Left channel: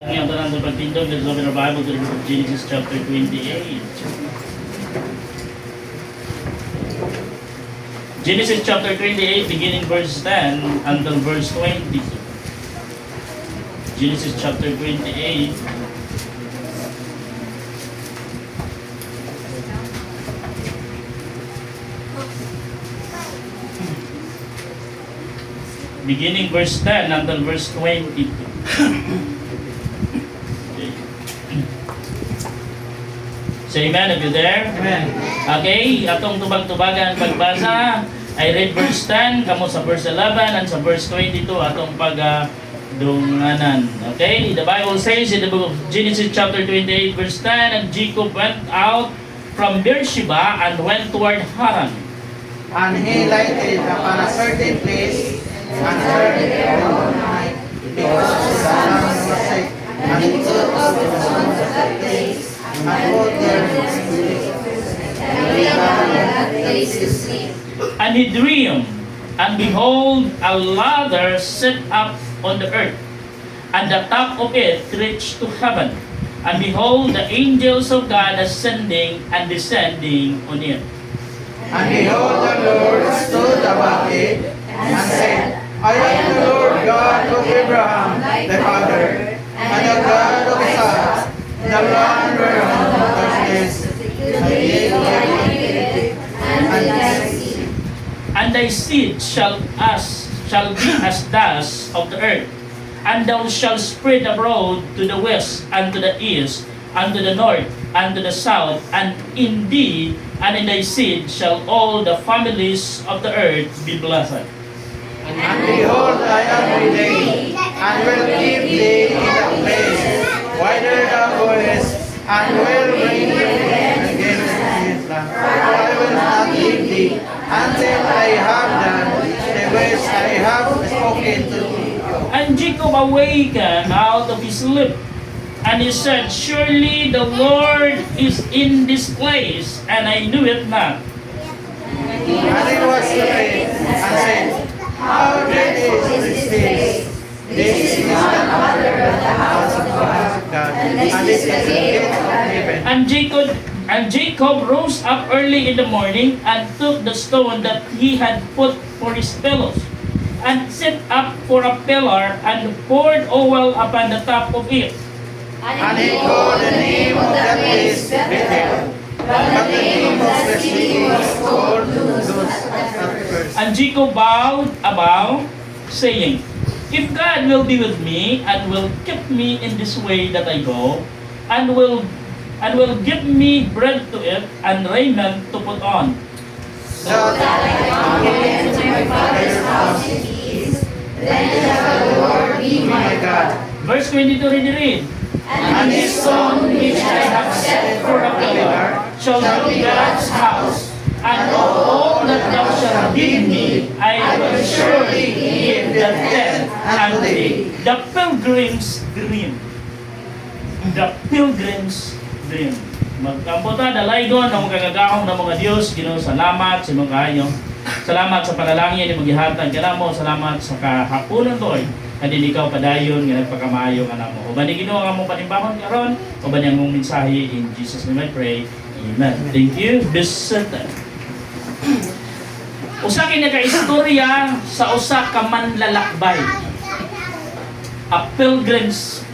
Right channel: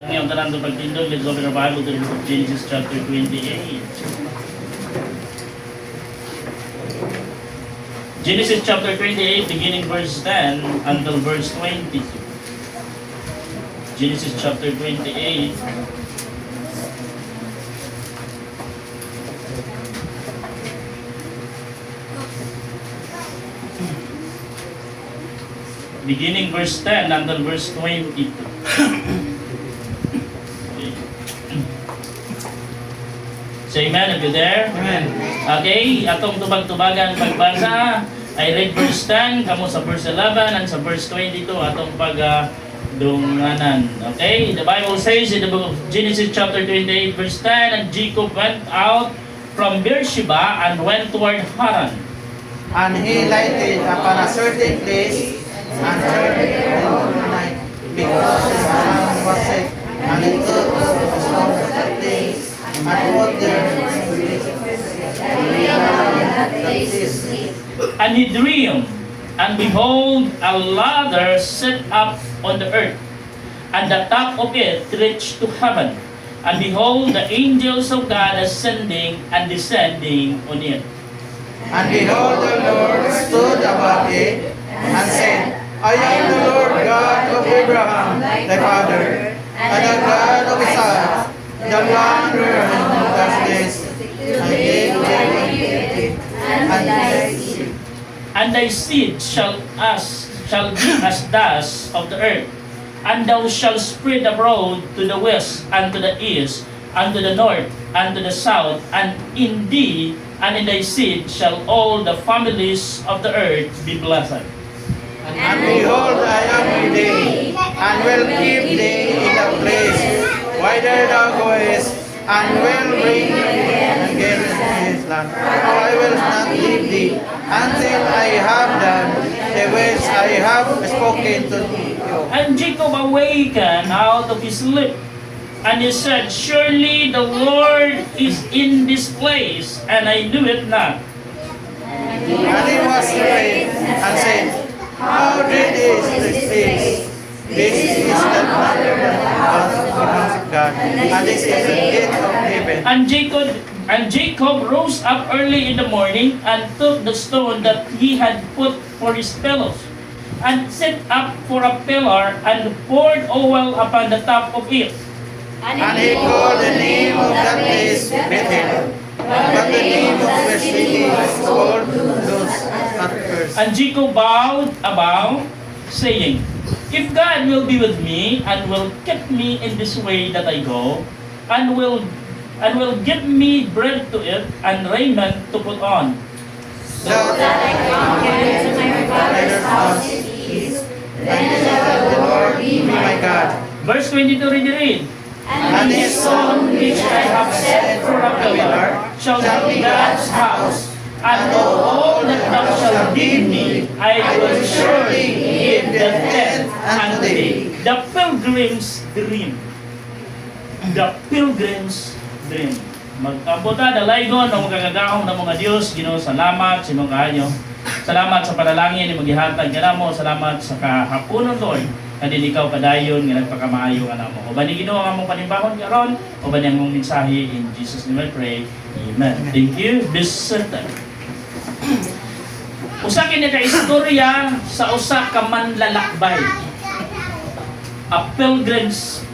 Ngayon, tanan ng pagtindog, let's open our Bible to the book of Genesis chapter 28. Genesis chapter 28, beginning verse 10 until verse 22. Genesis chapter 28. Beginning verse 10 until verse 22. Say amen if you're there. Amen. Okay, atong tubag-tubagan ang pagbasa. I read verse 10, kamo sa verse 11, and sa verse 22, atong pagdunganan. Okay, the Bible says in the book of Genesis chapter 28, verse 10, and Jacob went out from Beersheba and went toward Haran. And he lighted upon a certain place and turned all night because the land was sick. And he took up the stones of that place and put them And he dreamed, and behold, a ladder set up on the earth, and the top of it reached to heaven. And behold, the angels of God ascending and descending on it. And behold, the Lord stood above it and said, I am the Lord God of Abraham thy father, and the God of Isaac, the land whereon thou dwellest, and the gate wherein and thy seed. And thy seed shall be as dust of the earth, and thou shalt spread abroad to the west, and to the east, and to the north, and to the south, and in thee and in thy seed shall all the families of the earth be blessed. And behold, I am with thee, and will keep thee in the place whither thou goest, and will bring thee against this land. I will not leave thee until I have done the words I have spoken to thee. And Jacob awakened out of his sleep, and he said, surely the Lord is in this place, and I knew it not. And he was afraid, and said, how great is this place? This is the wonder of the house of God, and this is the gate of heaven. And Jacob rose up early in the morning and took the stone that he had put for his pillows, and set up for a pillar, and poured oil upon the top of it. And he called the name of that place Bethel, but the name of the city was called Luz at first. And Jacob bowed a vow, saying, if God will be with me, and will keep me in this way that I go, and will give me bread to eat, and raiment to put on, That I come into my father's house in peace, then shall the Lord be my God. Verse 22, read. And his stone which I have set for a pillar shall be God's house, and all that thou shalt give me, I will surely give the tenth unto thee. The pilgrim's dream. The pilgrim's dream. Magkamputa, dalaygon, ang kagagahong ng mga Diyos, Ginoo, salamat sa mga kayo. Salamat sa panalangin ni maghihatag ka mo. Salamat sa kahaponon, Lord. Na din ikaw padayon, nga nagpakamaayo ka na mo. O ba ni Ginoo ang mong panimbahon karon? O ba niyang mong mensahe? In Jesus' name I pray. Amen. Thank you. This usa kini ka istorya sa usa ka manlalakbay. A pilgrim's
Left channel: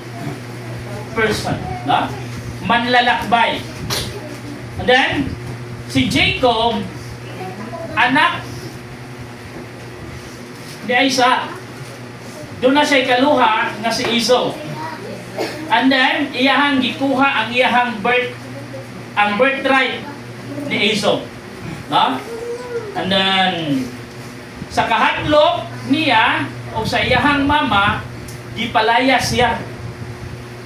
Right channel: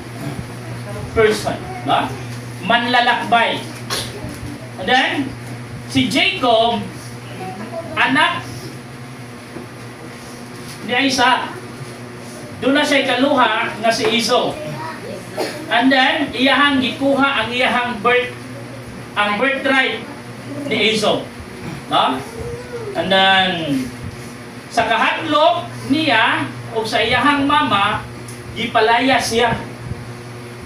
person, no? Manlalakbay. And then si Jacob, anak ni Isaac. Doon na siya ikaluha nga si Esau. And then iyahang gikuha ang iyahang birthright ni Esau. No? And then sa kahadlok niya o sa iyahang mama, gipalaya siya.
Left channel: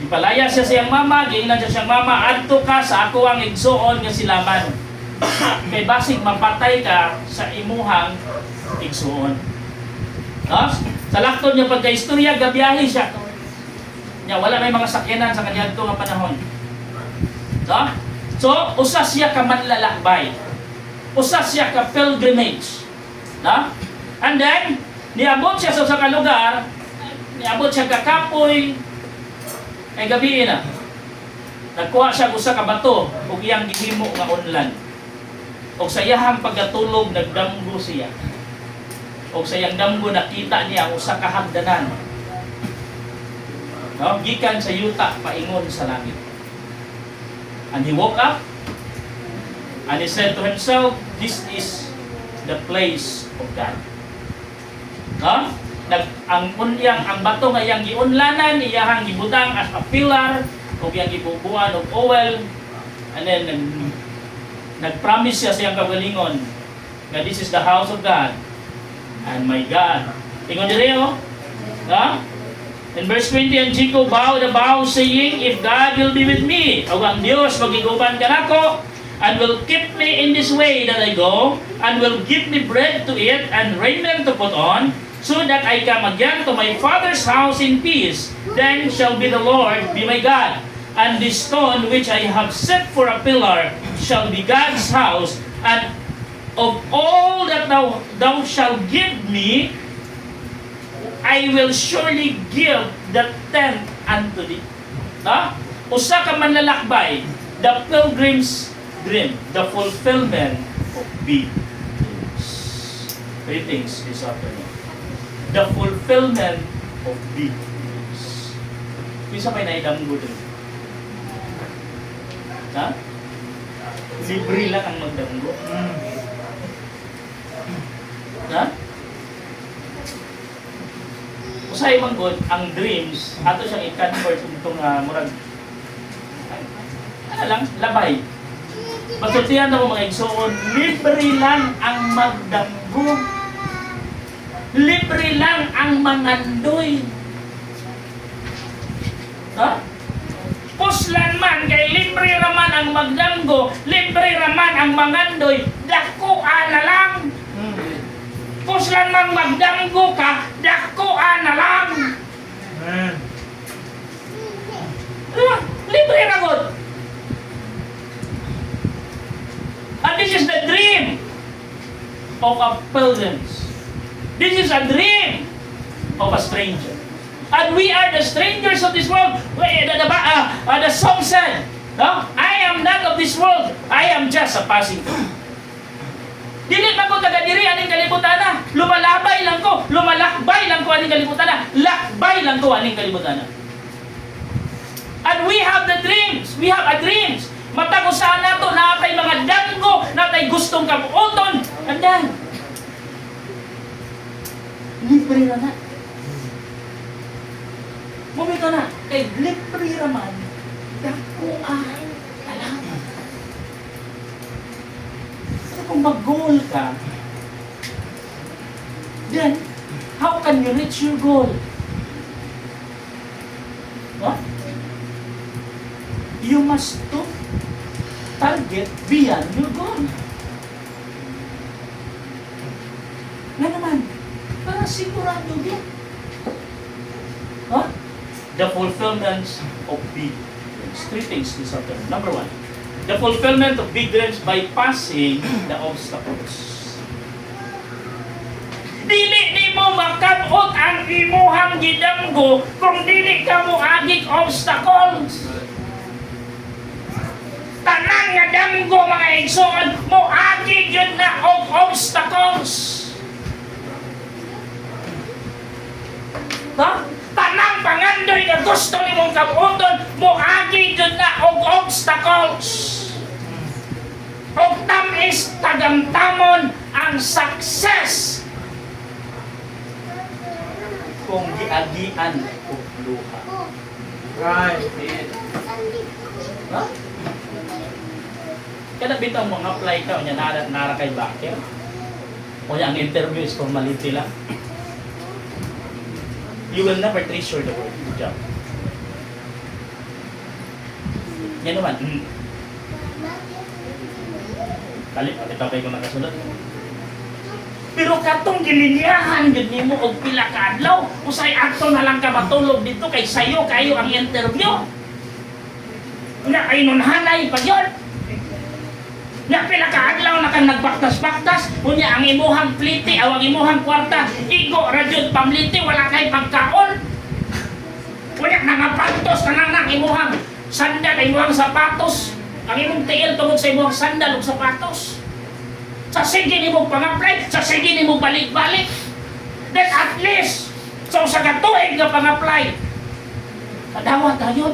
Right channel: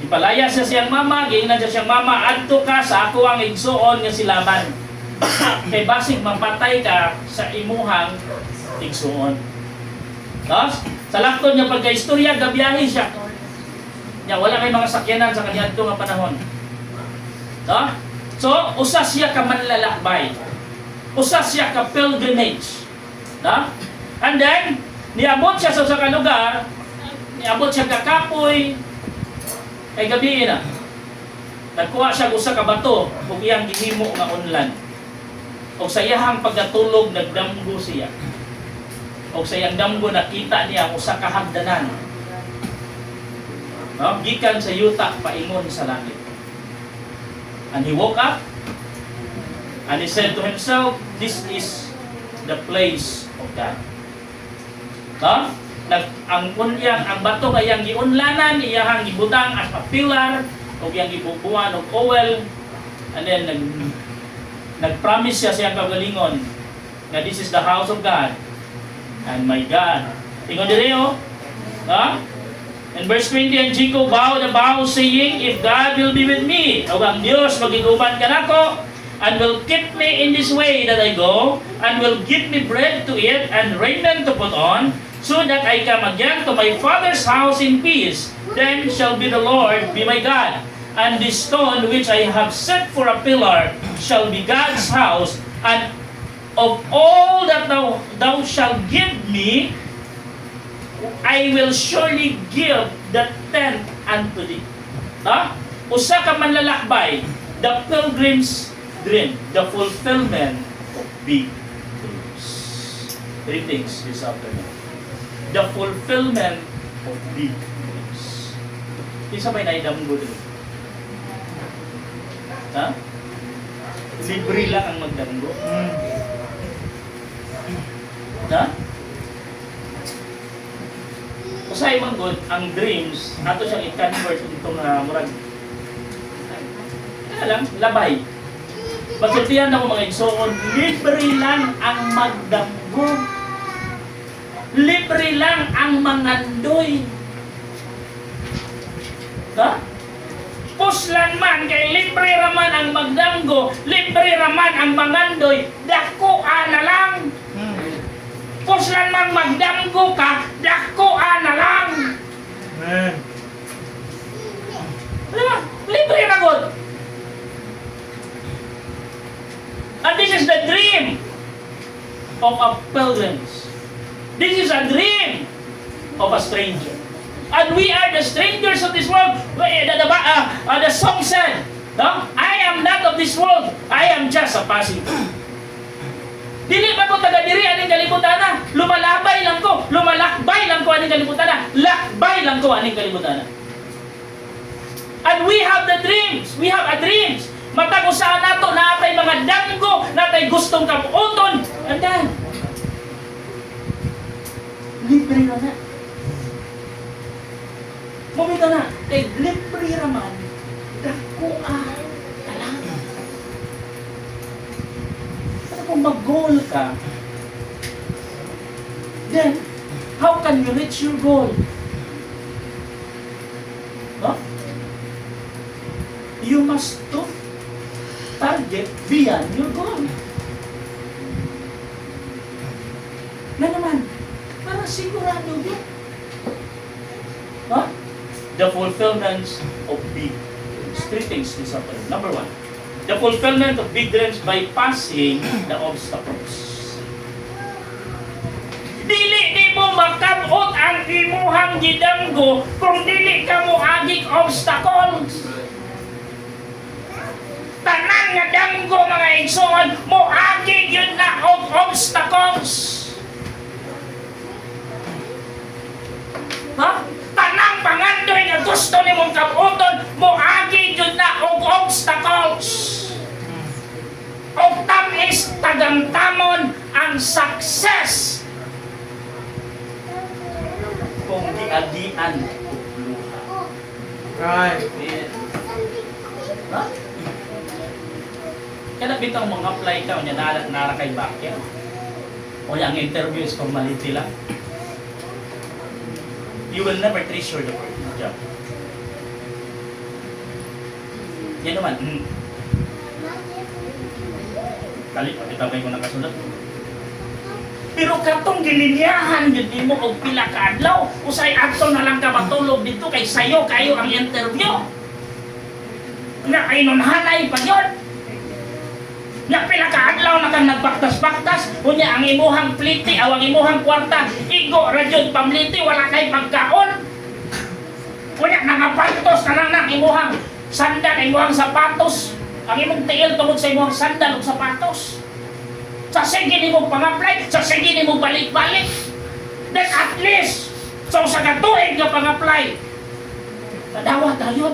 Gipalaya siya siyang mama, giingnan siya siyang mama, adto ka sa ako ang igsuon nga si Laban. Kay basig mapatay ka sa imuhang igsuon. No? Sa laktod niya pagka-istorya, gabiyahe siya. Niya, wala may mga sakyanan sa kanyang nga panahon. No? So, usa siya ka manlalakbay. Usa siya ka pilgrimage. No? And then, niabot siya sa usa ka lugar, niabot siya ka Kapoy, Kay gabi na. Nagkuha siya usa ka bato ug iyang gihimo nga unlan. Og sa iyahang pagkatulog nagdamgo siya. Og sa iyang damgo nakita niya ang usa ka hagdanan. No, gikan sa yuta paingon sa langit. And he woke up and he said to himself, this is the place of God. No? Ang bato nga iyang giunlanan, iyang gibutang as a pillar, o iyang gibubuan og oil, and then nag-promise siya sa iyang kagalingon na this is the house of God and my God. Tingnan diri oh. No? In verse 20, and Jacob vowed a vow saying, if God will be with me, o ang Diyos magiguban ka nako, and will keep me in this way that I go, and will give me bread to eat and raiment to put on, so that I come again to my father's house in peace, then shall be the Lord be my God. And this stone which I have set for a pillar shall be God's house, and of all that thou shalt give me, I will surely give the tenth unto thee. No? Usa ka manlalakbay, the pilgrim's dream, the fulfillment of big dreams. Three things this afternoon. The fulfillment of big dreams. Isa may naidamgo din. Ha? Libre lang ang magdamgo. Ha? Usay man gud ang dreams ato siyang i-convert itong murag lang labay. Pagsultihan ako mga igsoon, libre lang ang magdamgo. Libre lang ang mangandoy. Ha? Puslan man kay libre raman ang magdamgo, libre raman ang mangandoy, dakuan na lang. Puslan man magdamgo ka, dakuan na lang. Amen. Libre na gud. And this is the dream of a pilgrim. This is a dream of a stranger. And we are the strangers of this world. The song said, no? I am not of this world. I am just a passing through. Dili ba ko taga diri aning kalibutan? Lumalabay lang ko, lumalakbay lang ko aning kalibutan. Lakbay lang ko aning kalibutan. And we have the dreams. We have a dreams. Matag usahan nato na apay mga damgo, natay gustong kabuoton. And then, libre na na. Mumito na, kay libre raman, dakuan talang. Pero kung mag-goal ka, then, how can you reach your goal? No? You must to target beyond your goal. Na naman, para sigurado yun. Huh? The fulfillment of big dreams. Three things this afternoon. Number one, the fulfillment of big dreams by passing the obstacles. Dili di mo makabot ang imuhang gidamgo kung dili ka mo agig obstacles. Tanan nga damgo mga igsoon mo agig yun na og obstacles. Ha? Tanang pangandoy na gusto ni mong kabuoton mo agig yun na og obstacles. Og tamis tagamtamon ang success kung giagian og luha. Right. Ha? Kaya bitang mga apply ka, niya nara kay Bakya. O niya ang interview is formality lang. You will never treasure the job. Yan naman. Kali, itapay ko nakasunod. Pero katong gilinyahan yun nimo og pila ka adlaw, usay ato na lang ka matulog dito kay sayo kayo ang interview. Nga ay nunhanay pa yun. Nga pila ka adlaw na kang nagbaktas-baktas, unya ang imuhang pliti o ang imuhang kwarta, igo ra jud pamliti wala kay pagkaon. Kunya, nangapantos ka na imuhang sandal, imuhang sapatos. Ang imong tiil tungod sa imuhang sandal ug sapatos. Sa sige ni mo pang-apply, sa sige ni mo balik-balik. Then at least, sa usa ka tuig nga pang-apply, tadawa tayo.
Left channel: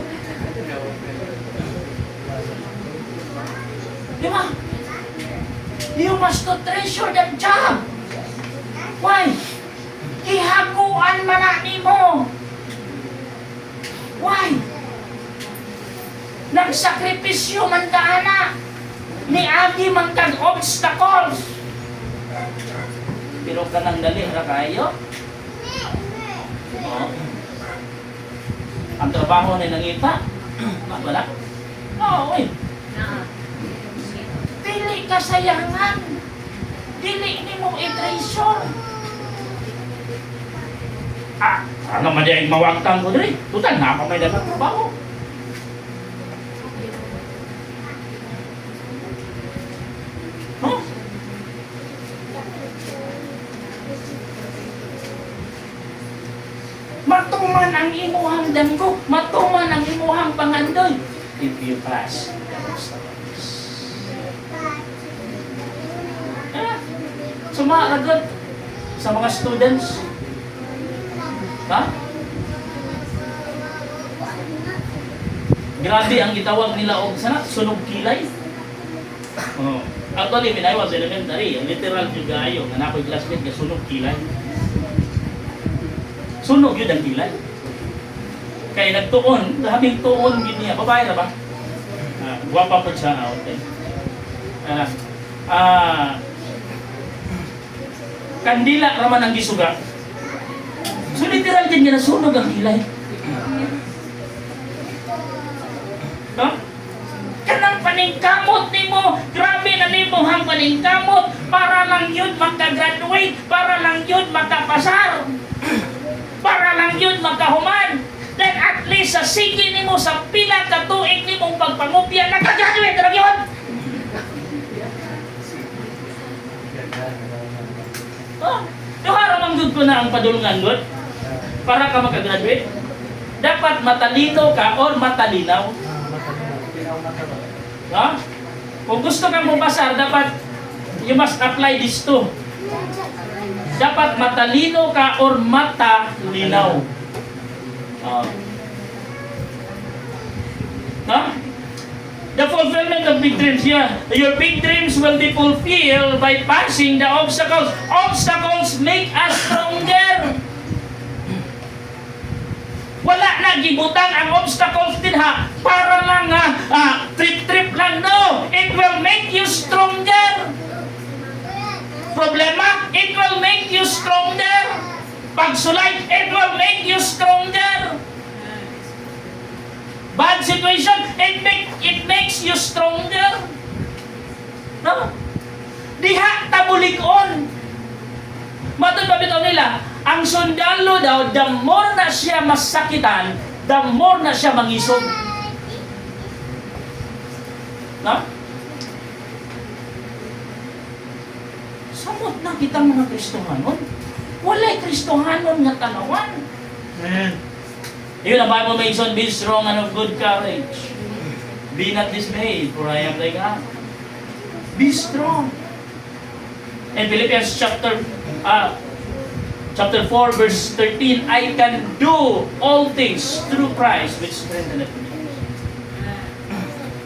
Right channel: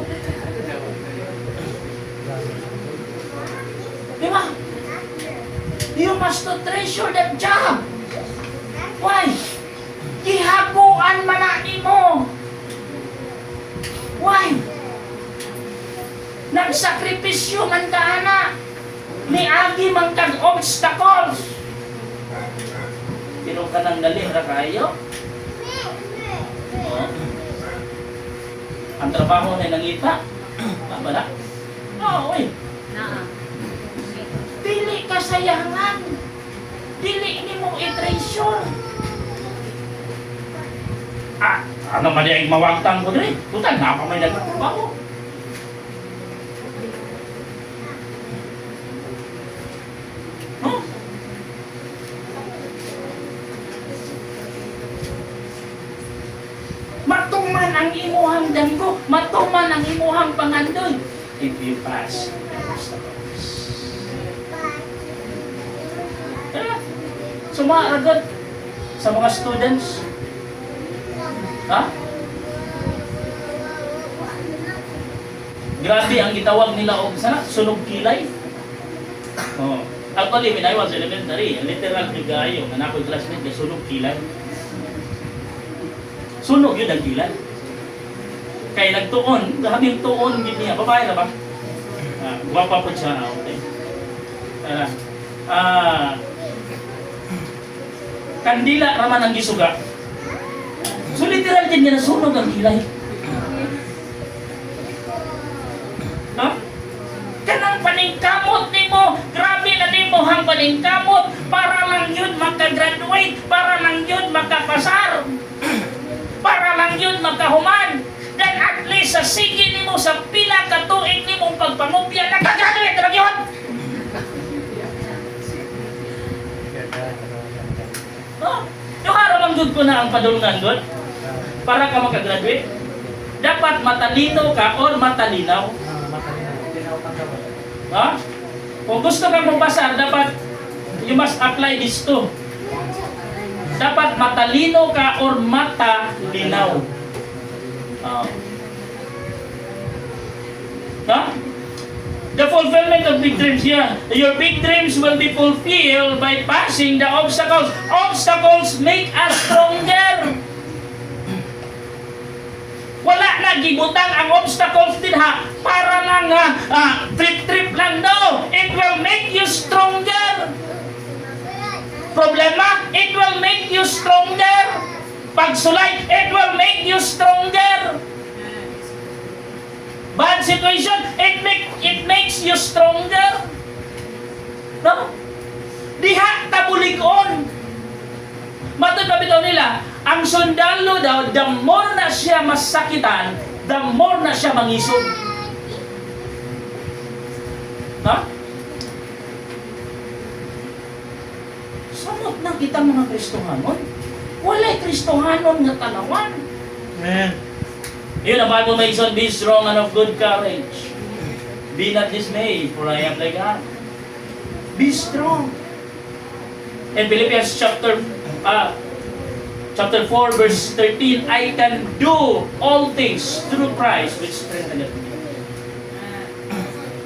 Di ba? You must to treasure that job. Why? Gihaguan man na nimo. Why? Nagsakripisyo man ka ana. Niagi man kang obstacles. Pero kanang dali ra kayo. Oh. Ang trabaho ni nangita. Aba na? Oo, eh. Dili kasayangan. Dili ni mo i-treasure. Ano man yung mawagtang ko dili? Putan, na may dagang trabaho. Huh? Matuman ang imuhang damgo, matuman ang imuhang pangandoy. If you pass the obstacles. Sumaagad sa mga students. Ha? Grabe ang gitawag nila og sana sunog kilay. Oh. Actually, when I was elementary, literal bigayo, na ako'y classmate nga sunog kilay. Sunog yun ang kilay. Kaya nagtuon, habing tuon yun niya. Babae na ba? Guwapa po siya. Okay. Kandila raman ang gisuga. So literal din nga nasunog ang kilay. No? Kanang paningkamot nimo, grabe na nimo hang paningkamot para lang yun magka-graduate, para lang yun magkapasar, para lang yun magkahuman. Then at least sa sige nimo sa pila ka tuig nimong pagpangupya, nagka-graduate na yun. Oh, yung haramang good po na ang padulungan good para ka makagraduate. Dapat matalino ka or matalinaw. No? Kung gusto kang mabasar, dapat you must apply this too. Dapat matalino ka or matalinaw. No? The fulfillment of big dreams here. Your big dreams will be fulfilled by passing the obstacles. Obstacles make us stronger. Wala na gibutang ang obstacles din ha para lang trip-trip lang. No, it will make you stronger. Problema, it will make you stronger. Pagsulay, it will make you stronger. Bad situation, it makes you stronger. No? Diha tabulikon. Matod pa bitaw nila, ang sundalo daw, the more na siya masakitan, the more na siya mangisog. No? Samot na kita mga Kristohanon. Wala'y Kristohanon nga tanawan. Amen. Even the Bible makes us be strong and of good courage. Be not dismayed, for I am thy God. Be strong. In Philippians chapter 4 verse 13, I can do all things through Christ which strengtheneth me.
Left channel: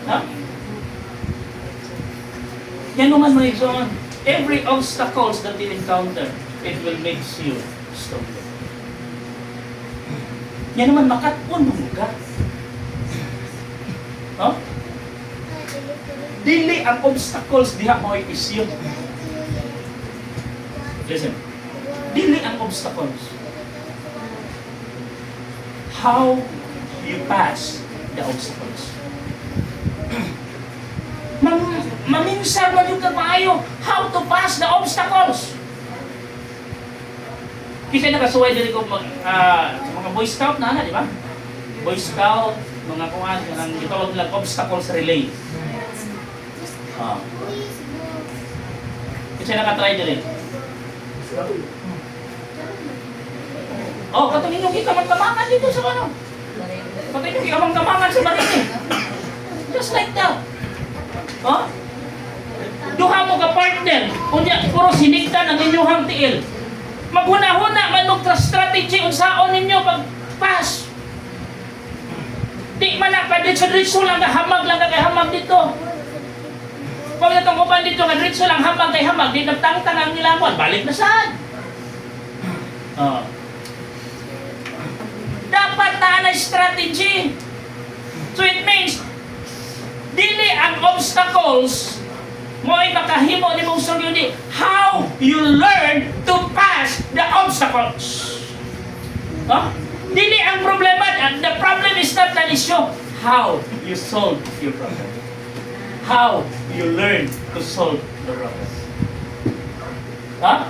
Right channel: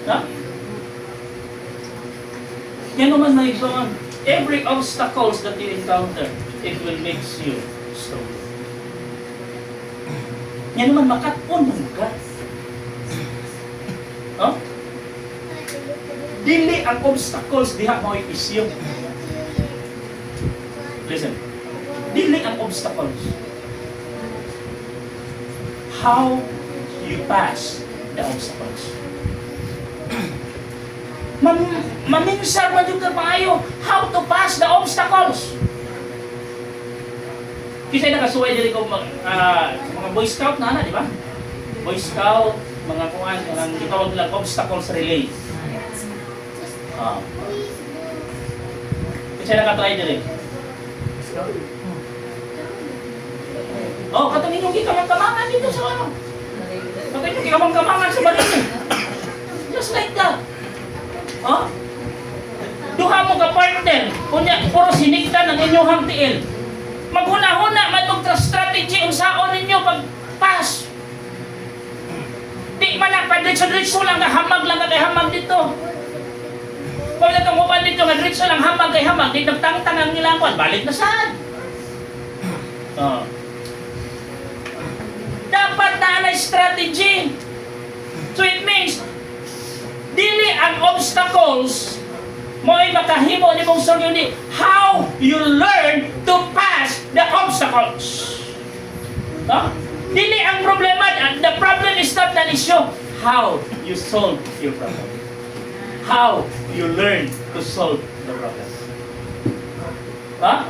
Huh? Yan naman may son. Every obstacles that you encounter, it will make you stronger. Yan naman makatpon mo ka. Huh? Dili ang obstacles diha mo isyu. Listen. Dili ang obstacles. How you pass the obstacles. Maminsar man yung kapayo how to pass the obstacles. Kasi nakasuway din ko mga Boy Scout na di ba? Boy Scout, mga kuhan, ang itawag lang obstacles relay. Kasi nakatry din. Oh, katong inyong ikaw magtamangan dito sa ano? Bakit yung ikamang-kamangan sa baril eh? Just like that. Oh? Duha mo ka partner, kunya puro sinigta ng inyong tiil. Maghuna-huna manong strategy unsaon ninyo pag-pass. Di man na pa-diretso lang na hamag lang kay hamag dito. Kung itong kupan dito nga diretso lang hamag kay hamag, di nagtangtang ang nilang buwan, balik na saan? Oh. Dapat na strategy. So it means dili ang obstacles mo ay makahimo ni mong sulod how you learn to pass the obstacles. Huh? Dili ang problema, the problem is not an issue. How you solve your problem. How you learn to solve the problem. Huh?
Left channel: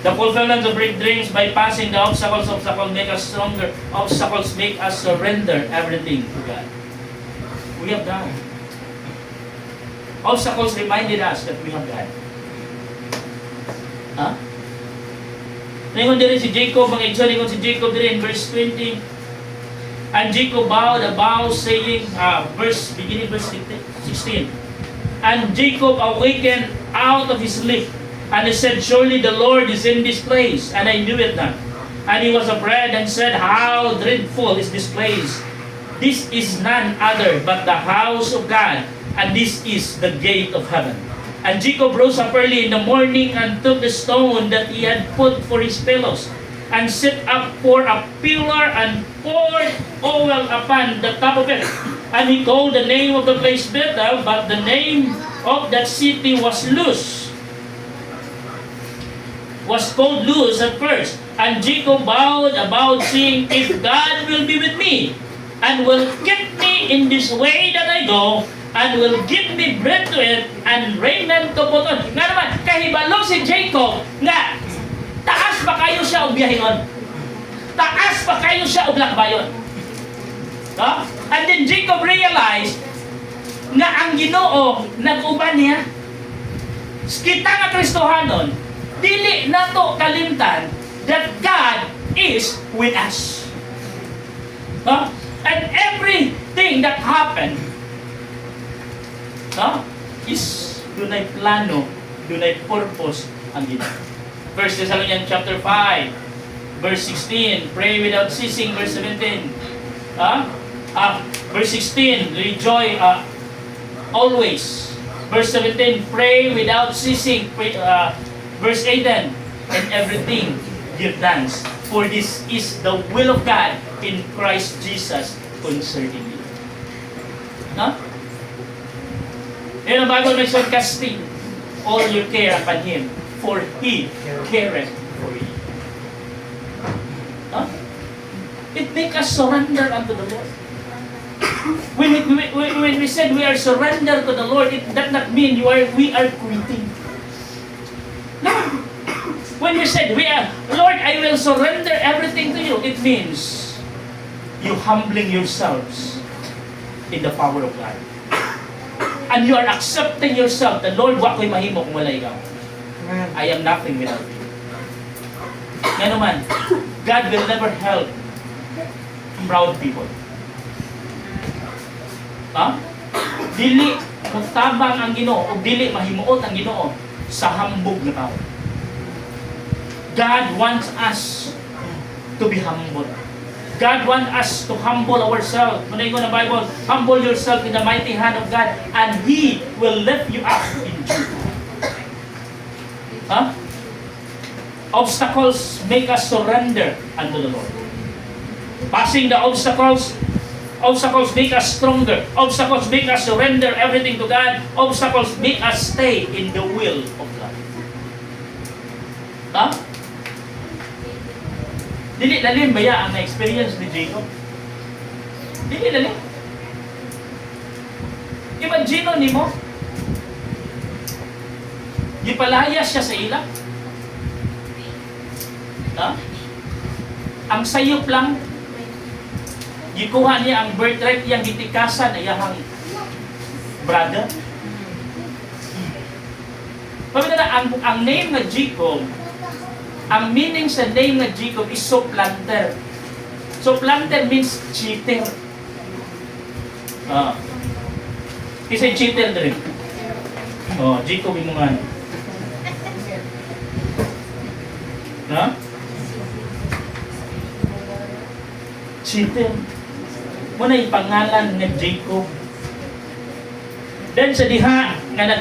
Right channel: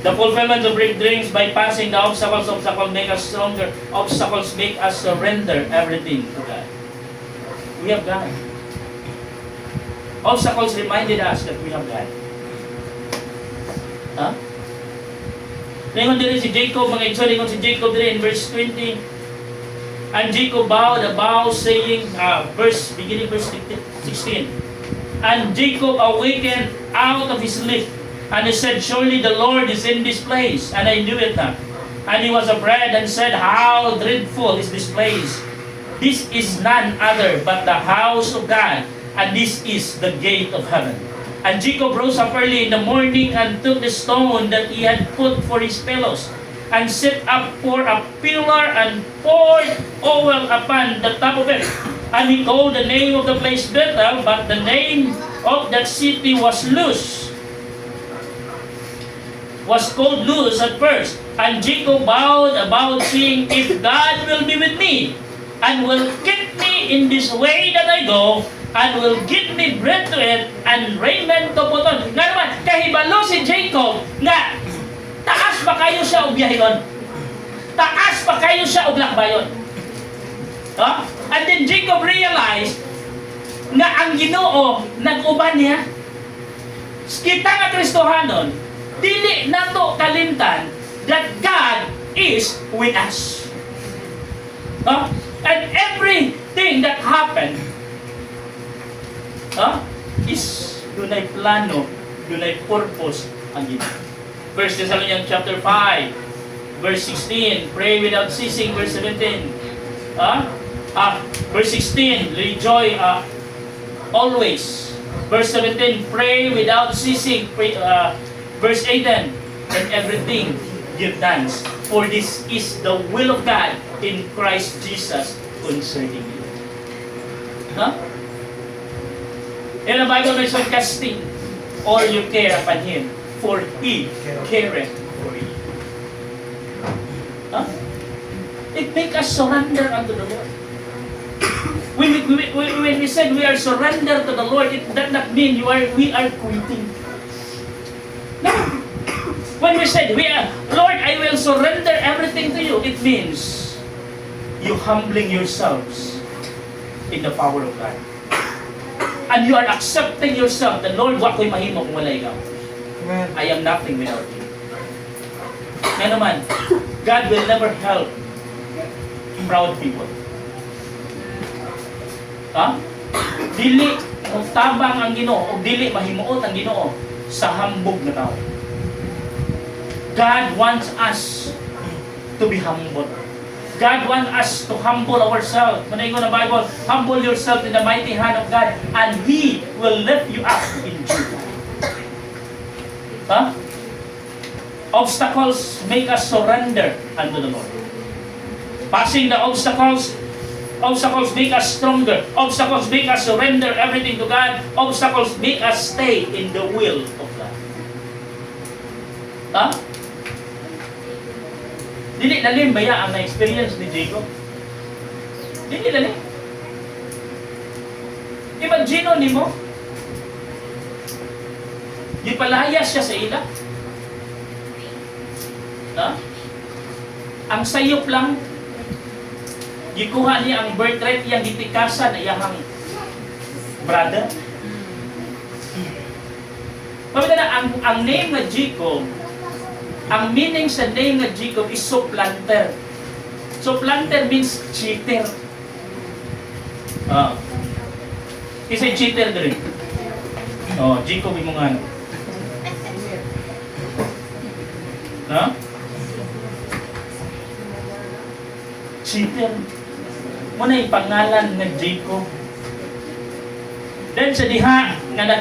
The fulfillment of great dreams by passing the obstacles. Obstacles make us stronger. Obstacles make us surrender everything to God. We have God. Obstacles reminded us that we have God. Huh? Ngayon din si Jacob, mga igsoon si Jacob din in verse 20. And Jacob bowed a vow saying, beginning verse 16. And Jacob awakened out of his sleep, and he said, surely the Lord is in this place, and I knew it not. And he was afraid and said, how dreadful is this place! This is none other but the house of God, and this is the gate of heaven. And Jacob rose up early in the morning and took the stone that he had put for his pillows, and set up for a pillar and poured oil upon the top of it. And he called the name of the place Bethel, but the name of that city was called Luz at first. And Jacob bowed about, saying, if God will be with me, and will keep me in this way that I go, and will give me bread to eat, and raiment to put on. Nga naman, kahibalo si Jacob, nga, taas pa kayo siya o biyahigon? Taas pa kayo siya o lakbayon? No? And then Jacob realized, nga ang Ginoo, nag-uban niya. Kita nga Kristohanon, dili nato kalimtan that God is with us. No? And everything that happened is dunay plano, dunay purpose ang Ginoo. 1 Thessalonians chapter 5, verse 16, pray without ceasing, verse 17. Verse 16, rejoice always. Verse 17, pray without ceasing. Verse 18, and everything give thanks, for this is the will of God in Christ Jesus concerning you. In the Bible, we said, casting all your care upon Him, for He careth for you. It makes us surrender unto the Lord. When we said we are surrendered to the Lord, it does not mean we are quitting. No. When we said Lord, I will surrender everything to you, it means you humbling yourselves in the power of God. And you are accepting yourself that, Lord, wa ko'y mahimo kung wala ikaw. I am nothing without you. Yan naman, God will never help proud people. Dili mutabang ang Ginoo o dili mahimuot ang Ginoo sa hambog na tao. God wants us to be humble. God wants us to humble ourselves. Manayin ko ng Bible, humble yourself in the mighty hand of God, and He will lift you up in due time. Obstacles make us surrender unto the Lord. Passing the obstacles make us stronger. Obstacles make us surrender everything to God. Obstacles make us stay in the will of God. Dili lalim baya ang na-experience ni Jacob? Dili lalim. Imagine nimo, gipalaya siya sa ila. Ang sayop lang, gikuha niya ang birthright niyang gitikasan na iyahang brother. Pagkita na, ang name na Jacob, ang meaning sa name na Jacob is supplanter. Supplanter means cheater. Kasi cheater din. Jacob mo nga. Ha? Cheater. Muna yung pangalan nga Jacob. Then sa diha nga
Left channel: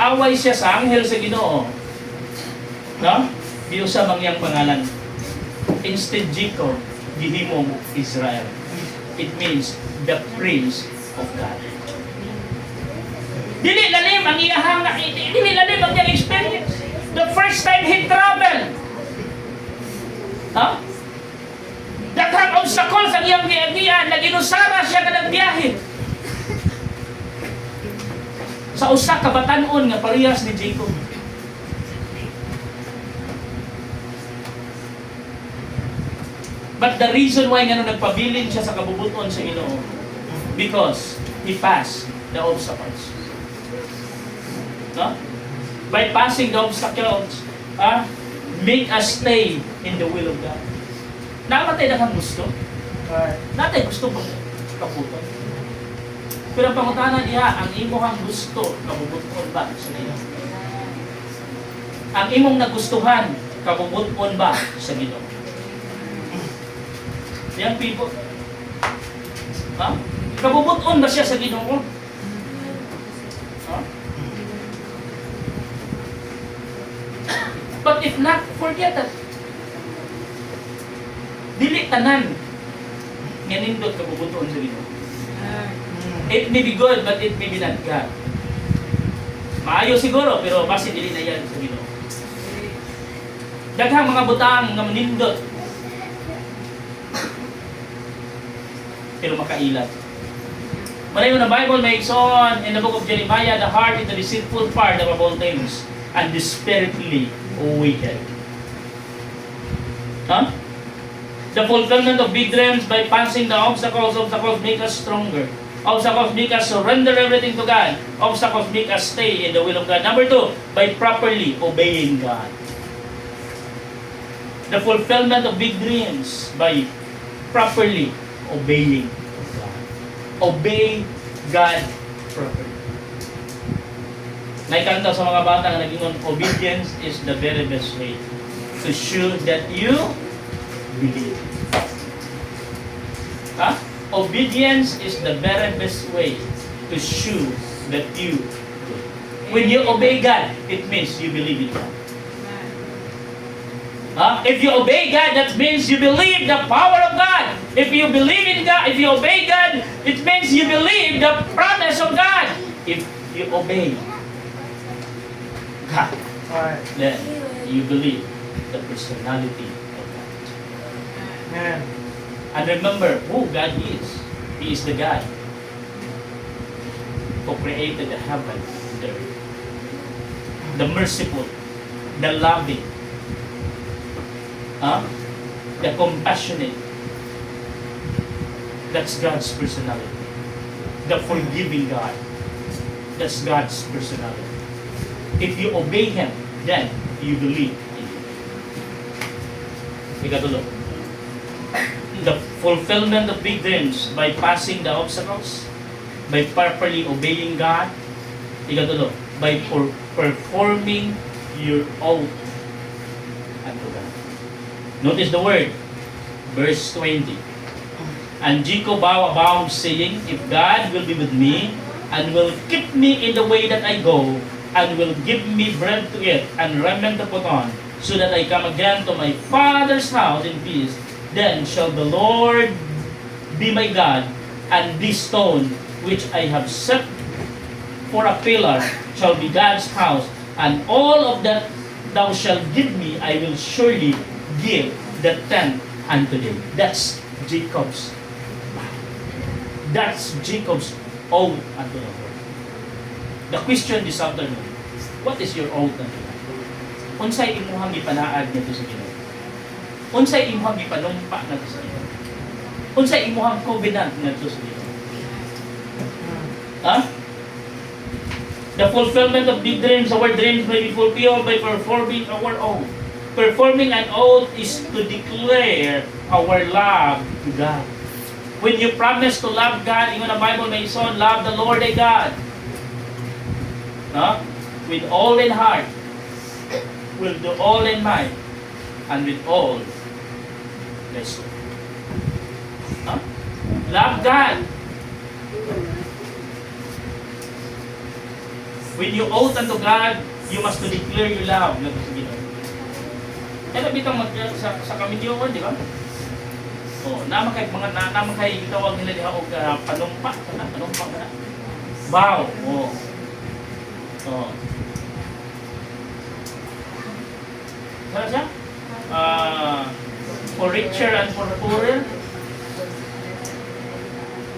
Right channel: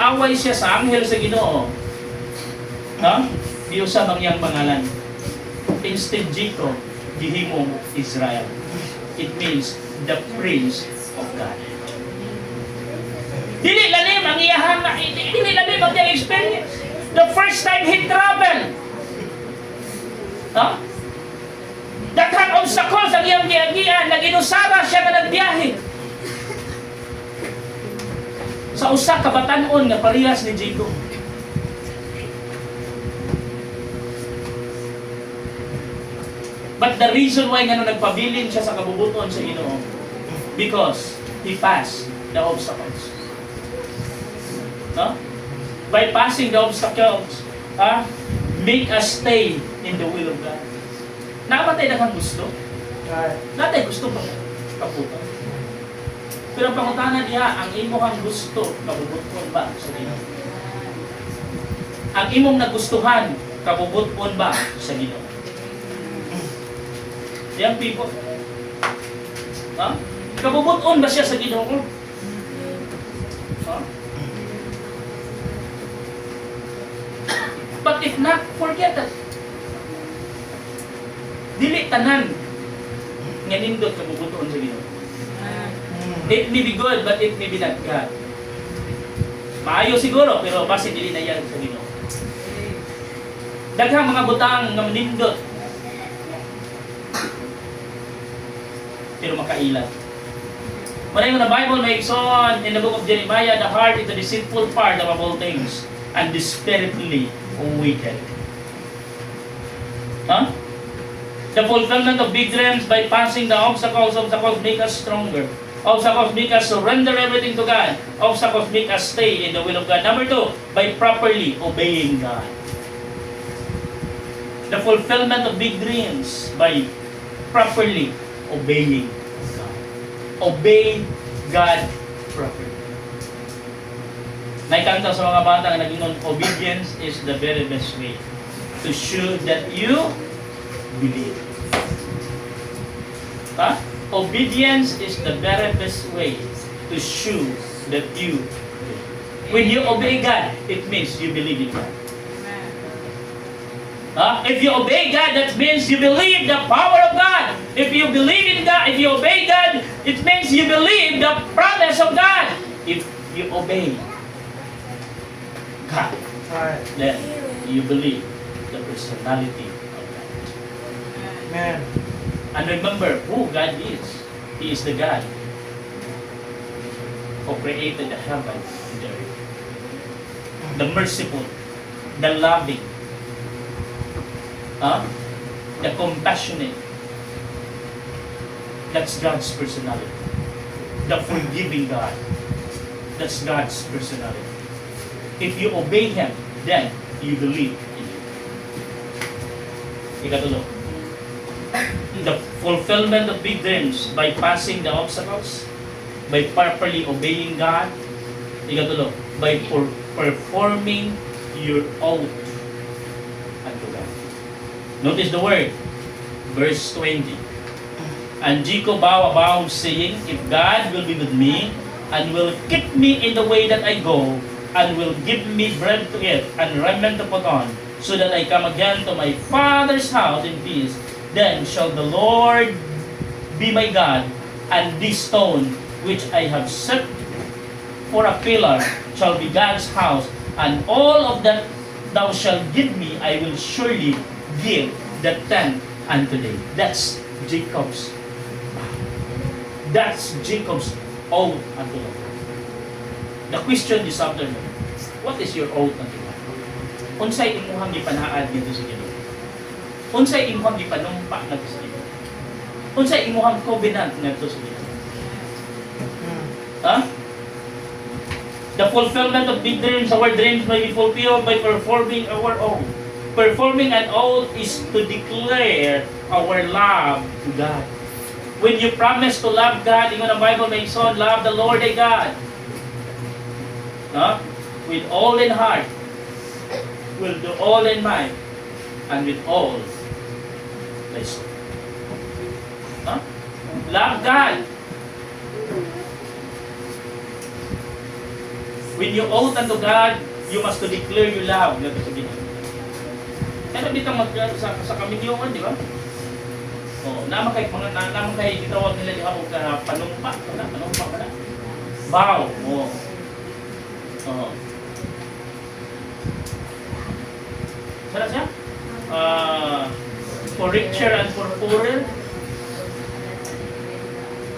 away siya sa anghel sa Ginoo. No? Di usa mangyang pangalan. Instead Jacob, gihimong Israel. It means the prince of God. Dili lalim ang iyahang dili lalim ang iyang experience. The first time he traveled. Daghang obstacles ang iyang giagian, naginusara siya nga nagbiyahe. Sa usa ka batan-on nga parehas ni Jacob. But the reason why nga nagpabilin siya sa kabubuton sa Ginoo, because he passed the obstacles. By passing the obstacles, make us stay in the will of God. Namatay na kang gusto. Natay gusto pang kaputon. Pero ang pangutanan niya, ang imong gusto, kabubuton ba sa Ginoo? Ang imong nagustuhan, kabubuton ba sa Ginoo? Young people, kabubuton ba siya sa Ginoo? But if not, forget it. Dili tanan nga nindot kabubuton sa Ginoo. It may be good, but it may be not God. Maayo siguro, pero basi dili na yan sa Ginoo. Daghang mga butang nga manindot, pero makailat. Maray mo na Bible may igsoon in the book of Jeremiah, the heart is the deceitful part of all things, and desperately wicked. The fulfillment of big dreams by passing the obstacles make us stronger. Obstacles make us surrender everything to God. Obstacles make us stay in the will of God. Number 2, by properly obeying God. The fulfillment of big dreams by properly obeying God. Obey God properly. May kanta sa mga bata na nag-ingon, obedience is the very best way to show that you believe. Obedience is the very best way to show that you believe. When you obey God, it means you believe in God. If you obey God, that means you believe the power of God. If you believe in God, if you obey God, it means you believe the promise of God. If you obey God, then you believe the personality of God. Amen. And remember who God is. He is the God who created the heaven and the earth. The merciful, the loving, the compassionate. That's God's personality. The forgiving God. That's God's personality. If you obey Him, then you believe in Him. Ikatulong. The fulfillment of big dreams by passing the obstacles, by properly obeying God. Ikatulong. By performing your oath unto God. Notice the word. Verse 20. And Jacob vowed, saying, if God will be with me, and will keep me in the way that I go, and will give me bread to eat, and raiment to put on, so that I come again to my father's house in peace, then shall the Lord be my God, and this stone which I have set for a pillar shall be God's house, and all of that thou shalt give me, I will surely give the tenth unto thee. That's Jacob's. That's Jacob's oath unto the Lord. The question this afternoon, what is your oath unto God? Unsay imuhang gipanaad ngadto sa Ginoo? Unsay imuhang gipanumpa ngadto sa Ginoo? Unsay imuhang covenant ngadto sa Ginoo? The fulfillment of big dreams, our dreams may be fulfilled by performing our oath. Performing an oath is to declare our love to God. When you promise to love God, ingon ang Bible may son, love the Lord thy God. No? With all in heart, will do all in mind, and with all thy soul. No? Love God. When you oath unto God, you must to declare your love. Sabi na. Ano bitang sa kaminyongan, di ba? Oh, naman kay gitawag nila diha og panumpa ka na. Bow. Oh. Oh. Saan siya? For richer and for poorer.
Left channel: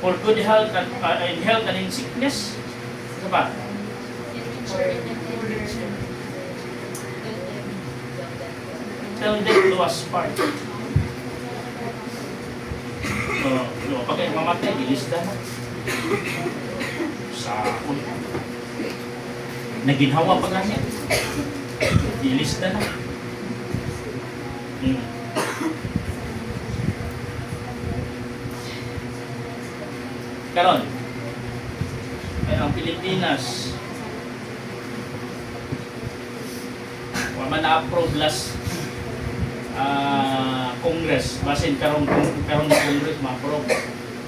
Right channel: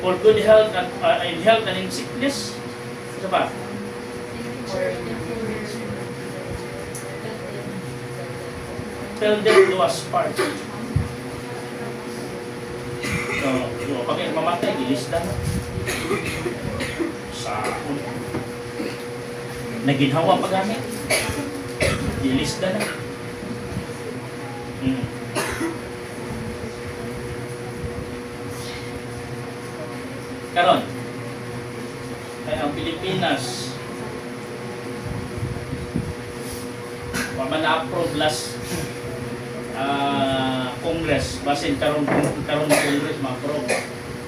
For good health and in health and in sickness. Ano ba? Tell them to us part. Pag mamatay, ilista na. Sa naginhawa pa gani. Ilista na. Karon, ay ang Pilipinas na-approve last Congress, basin karon na Congress ma-approve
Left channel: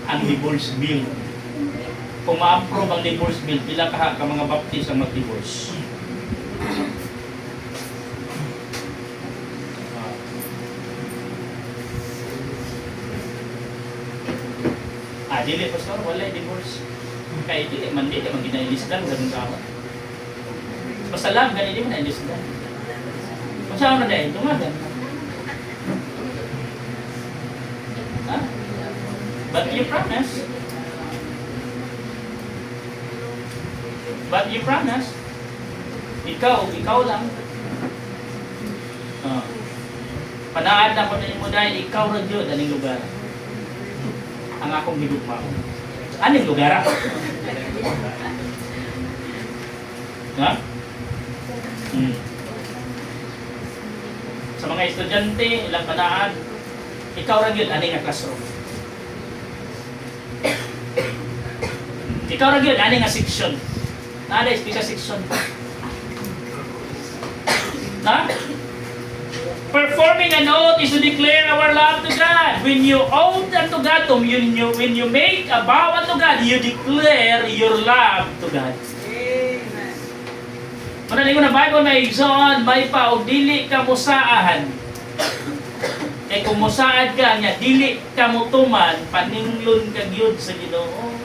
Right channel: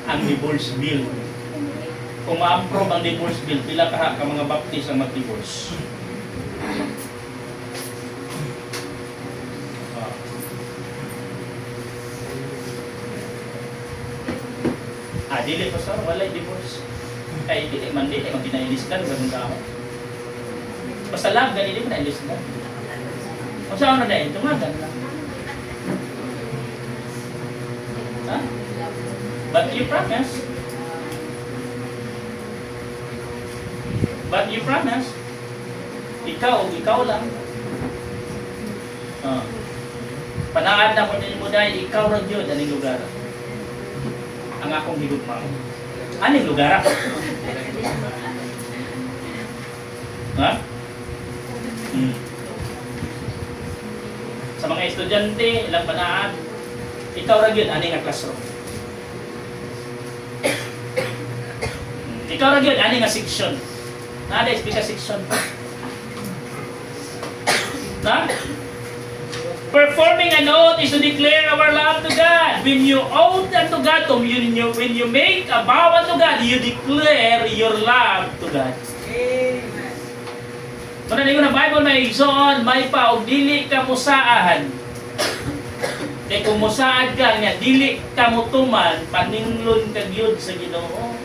ang divorce bill. Kung ma-approve ang divorce bill, pila ka mga baptist ang mag-divorce? Dili pastor, walay divorce. Kaya dili man ginailisdan ganun ka. Basta lang ganun na ilisdan. Kung saan na dahil, tumagan. Ha? But you promise. Ikaw lang. Panaan na ko na mo dahil ikaw rin yun, aning lugar. Ang akong higugma. Aning lugar ako? Ha? Sa mga estudyante, ilang panaan, ikaw rin yun, aning nga classroom. Ikaw rin yun, aning nga section. Nada, speak section. Na? Performing an oath is to declare our love to God. When you oath unto God, when you make a vow unto God, you declare your love to God. Amen. Muna na Bible may igsoon, may pa og dili ka musaahan. Kung musaad ka nga, dili ka mutuman, paninglon ka gyud sa Ginoo.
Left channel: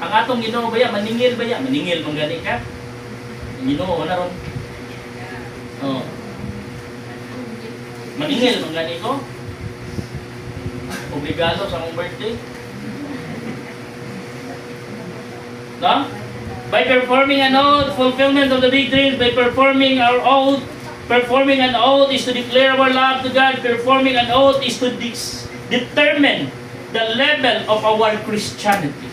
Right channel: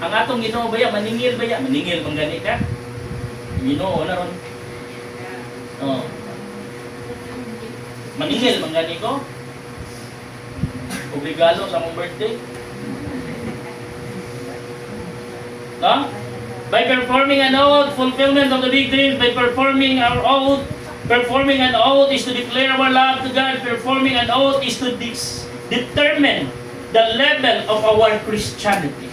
Ang atong Ginoo baya, maningil baya, maningil mong gani ka. Ginoo na ron. Maningil mong gani ko. Obligado sa mong birthday. No? By performing an oath, fulfillment of the big dreams, by performing an oath is to declare our love to God. Performing an oath is to determine the level of our Christianity.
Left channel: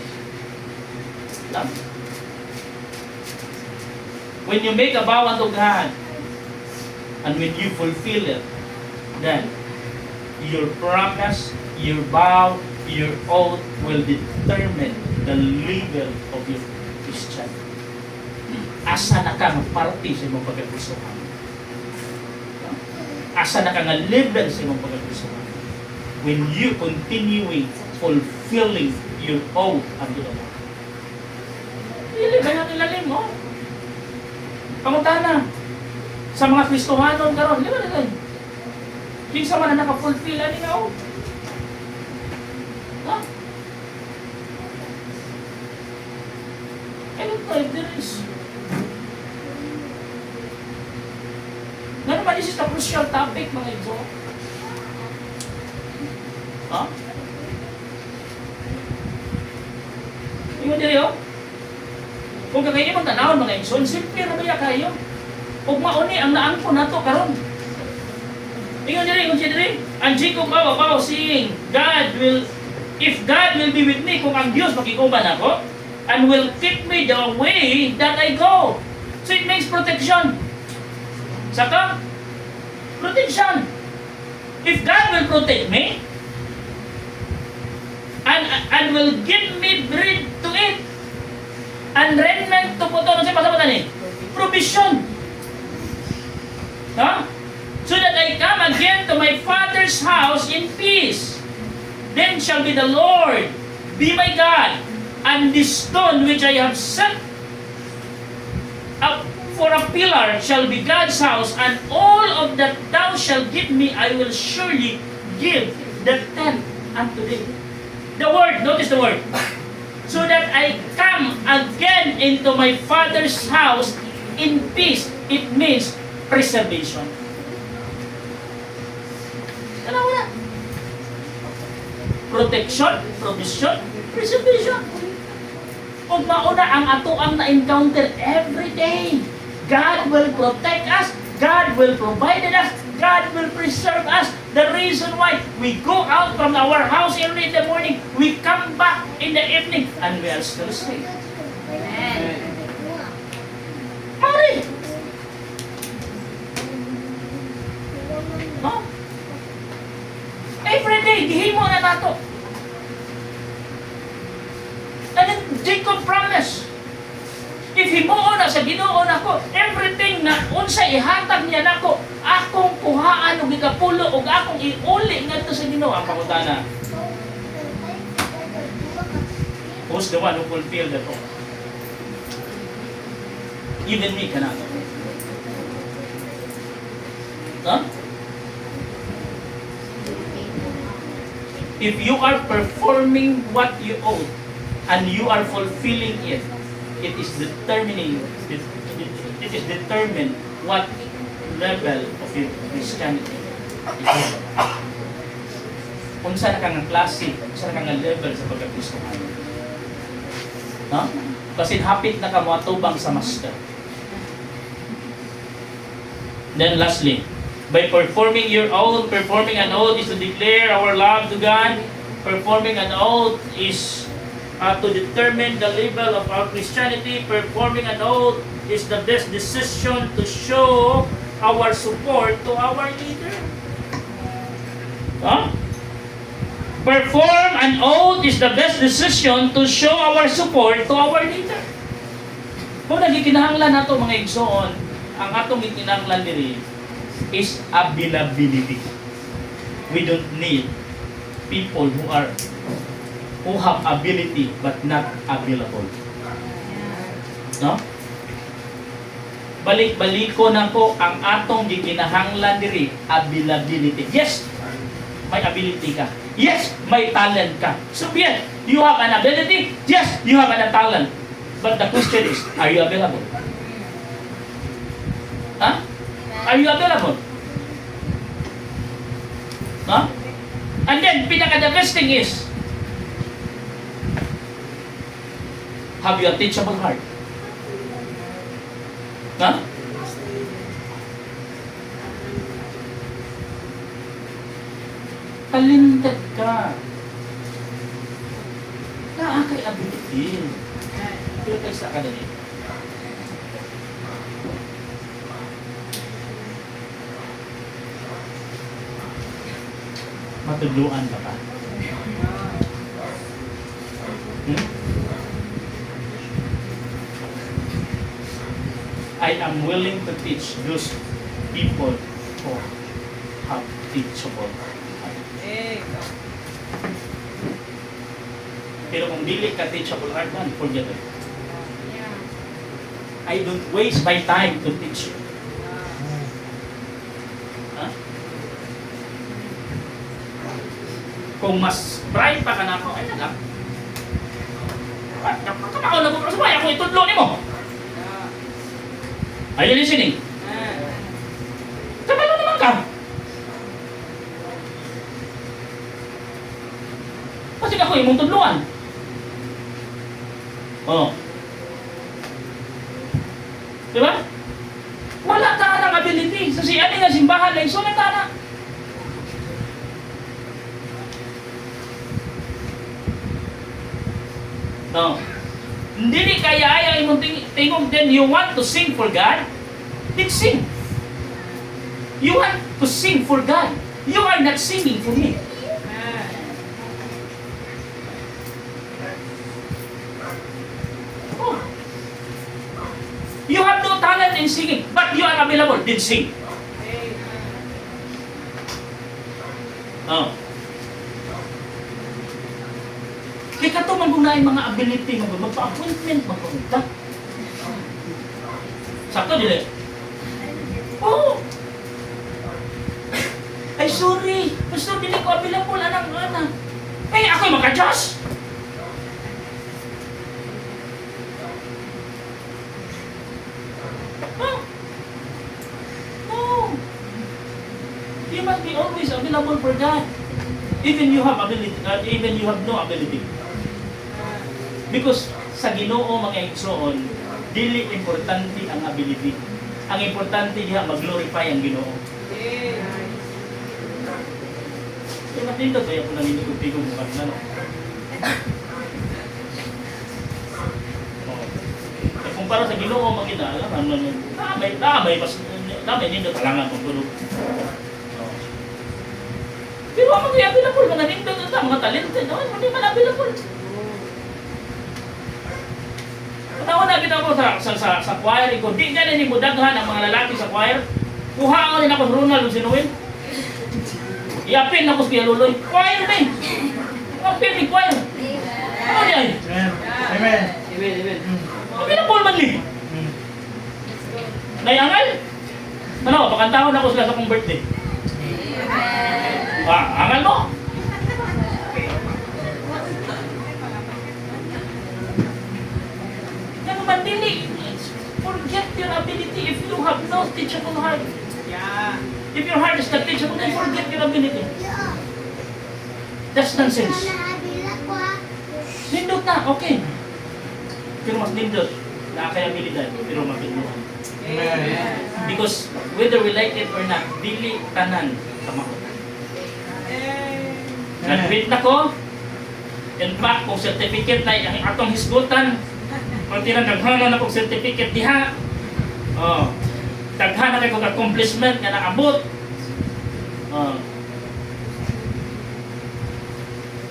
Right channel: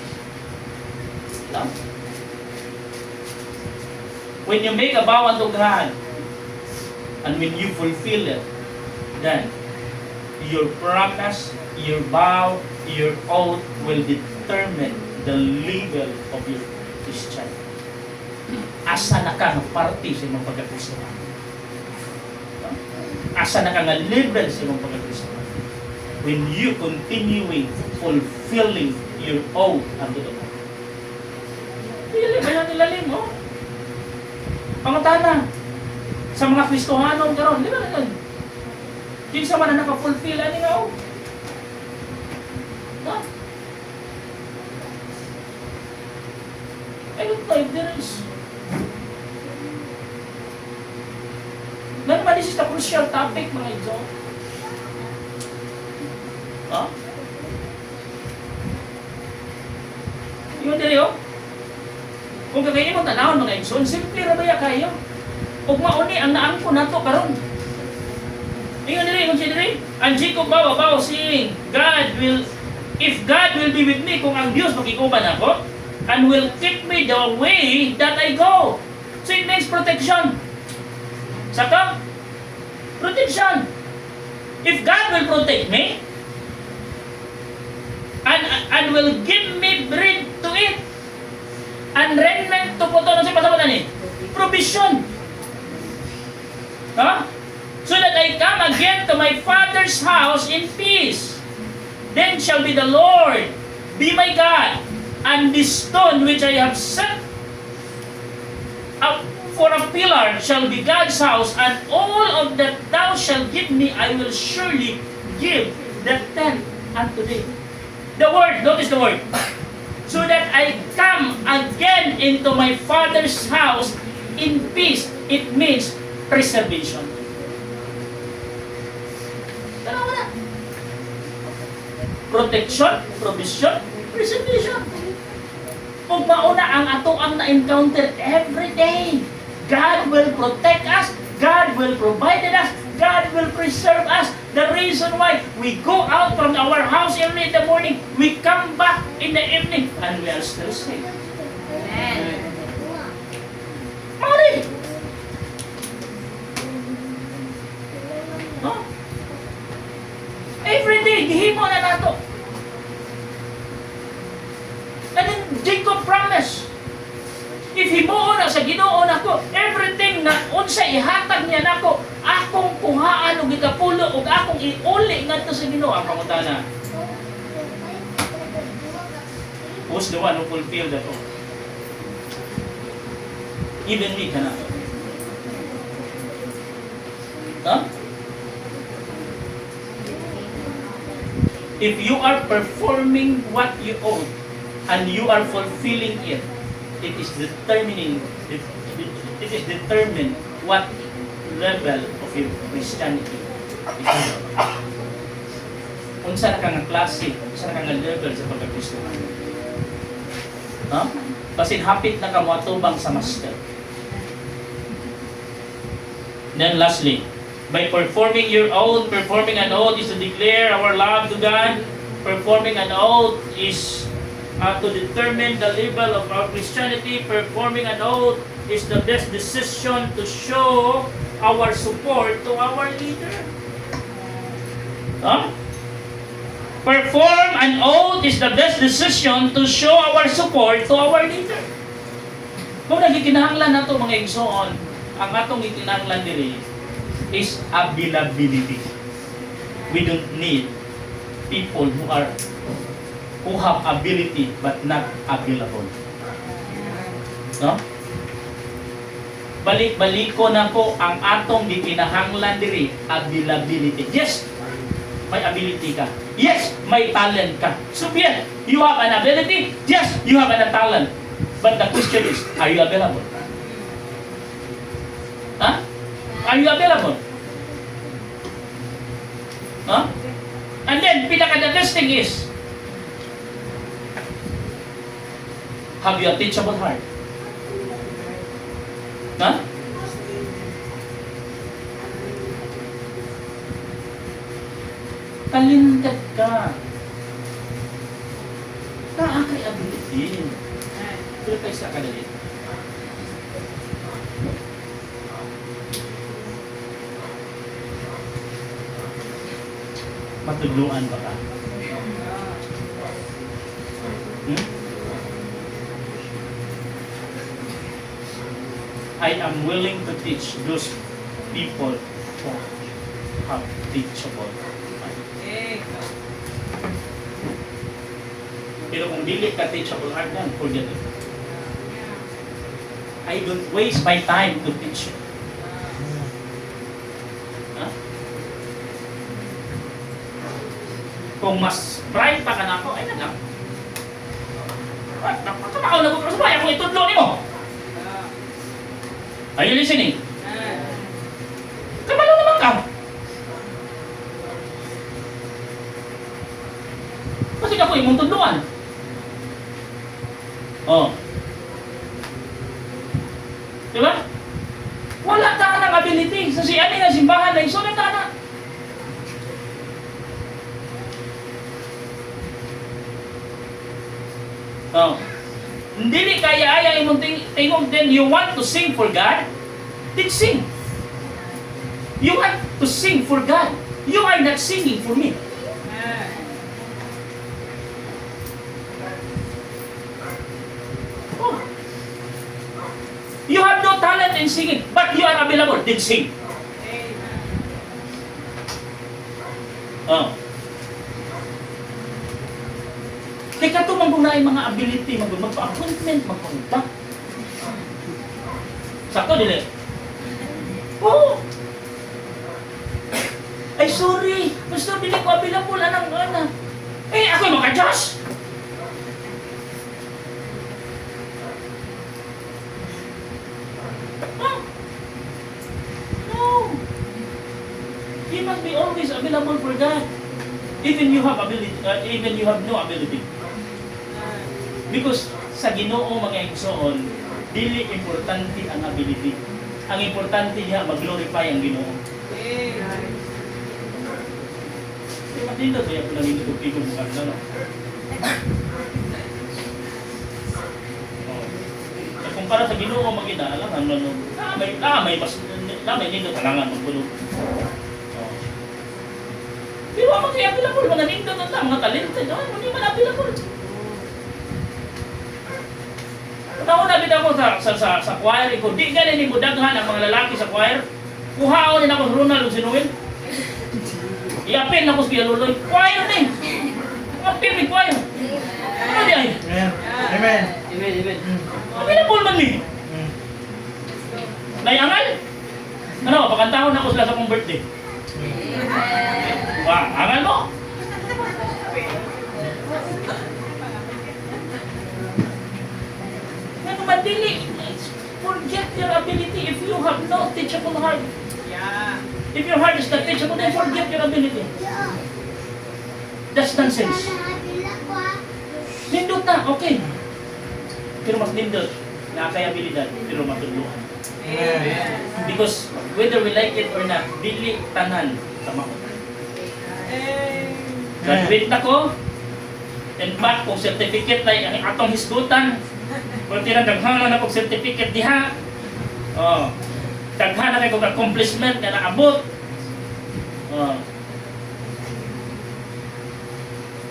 No? When you make a vow unto God, and when you fulfill it, then your promise, your vow, your oath will determine the level of your Christianity. Asa na ka parte sa imong pagkakristohan? Asa na ka nga level sa imong pagkakristohan? When you continuing fulfilling your oath unto the Lord. Ilalim mo. Pangutana. Sa mga Kristohanon karon, di ba na yan? Kinsa man na naka-fulfill ani nga oath. Ha? I don't know if there is. Naman, this is the crucial topic, mga ito. Ha? Yung dili, oh. Kung kakainin mong tanawon, mga igsoon, simple na ba ya kayo? Ug mauni ang naangko nato karon. Ingon diri, kung siya diri, ang Jacob babaw saying, if God will be with me, kung ang Dios makikuban ako, and will take me the way that I go. So it means protection. Saka, protection. If God will protect me, and will give me bread to eat, and raiment to put on, ano siya pasabutan eh? Provision. Huh? So that I come again to my Father's house in peace. Then shall be the Lord, be my God, and this stone which I have set up for a pillar shall be God's house, and all of that thou shalt give me, I will surely give the tenth unto thee. The word, notice the word. So that I come again into my Father's house in peace. It means preservation. Dalawa na. Protection, provision, preservation. Kung mauna ang ato ang na-encounter every day, God will protect us, God will provide us, God will preserve us. The reason why we go out from our house early in the morning, we come back in the evening, and we are still safe. Amen. Mari! No? Every day, gihimo na nato. And then Jacob promised, if himuon na sa Ginoo nako, everything na unsa ihatag niya nako, akong kuhaan og ikapulo og akong iuli ngadto sa Ginoo. Ang pangutana, who's the one who fulfilled that oath? Even me kana. Huh? If you are performing what you owe and you are fulfilling it, it is determined what level of your Christianity is. Unsa na kang klase, unsa na kang level sa pagkakristohan. Ha? Kasi hapit na ka mo atubang sa master. Then lastly, by performing your oath, performing an oath is to declare our love to God. Performing an oath is to determine the level of our Christianity. Performing an oath is the best decision to show our support to our leader. Huh? Perform an oath is the best decision to show our support to our leader. Kung nagikinahanglan nato mga igsoon, ang atong gikinahanglan diri is availability. We don't need people who have ability but not available. No? Balik-balik ko na po ang atong gikinahanglan diri, availability. Yes, may ability ka. Yes, may talent ka. So yes, you have an ability. Yes, you have an talent. But the question is, are you available? Huh? Are you available? Huh? And then, pinaka the best thing is, have you a teachable heart? Huh? Talented ka. Nakakay ability. Pero tayo sa kadali. Matudluan ba ka? I am willing to teach those people who have teachable. Pero kung dili ka teachable heart man, forget it. I don't waste my time to teach you. Huh? Kung mas bright pa ka na ako, ay nagam. Kapakaw na ko, sabay akong itudlo ni mo. Are you listening? Kabalo naman ka. Kasi ako yung mong tudluan. Oh. Diba? Wala ka ng ability. Sa si ani nga simbahan na isunod na. Oh. Hindi kaya imong tingog, then you want to sing for God? Then sing. You want to sing for God. You are not singing for me. Oh. You have no talent in singing, but you are available. Then sing. Oh. Kaya ka ito manggunain mga ability, magpa-appointment, magpapunta. Sakto, dili? Oo. Ay, sorry. Pastor, dili ko available, anak. Eh, ako'y maka-Diyos. Huh? No. You must be always available for God. Even you have ability, even you have no ability. Because sa Ginoo mga igsoon, dili importante ang ability. Ang importante diha mag-glorify ang Ginoo. Kaya matindot kaya kung nanginigod-tigod mo kanina, no? Kung para sa Ginoo magina, alam mo, may nindot alangan magtulog. Pero ang mga available, mga nindot at mga talented, hindi man available. Panahon na kita ko sa choir ko, di ganin ni budaghan ang mga lalaki sa choir. Kuhaon din ako sa Ronald o sinuwin. Iapin ako sa Pialuloy. Choir ni. Apil ni choir. Ano di ay? Amen. Amen. Available man ni. Nayangal? Ano, pakantahon ako sila sa kong birthday. Angal mo? Madili, forget your ability if you have no teachable heart. If your heart is not teachable, then forget your ability. That's nonsense. Nindot na, okay. Pero mas nindot, nakakayabilidad, pero matulungan. Because whether we like it or not, dili tanan tama ko. Graduate na ko, and back kung certificate na atong hisgutan, kung tinadaghan na akong certificate diha, daghan na kayo kong accomplishment na naabot.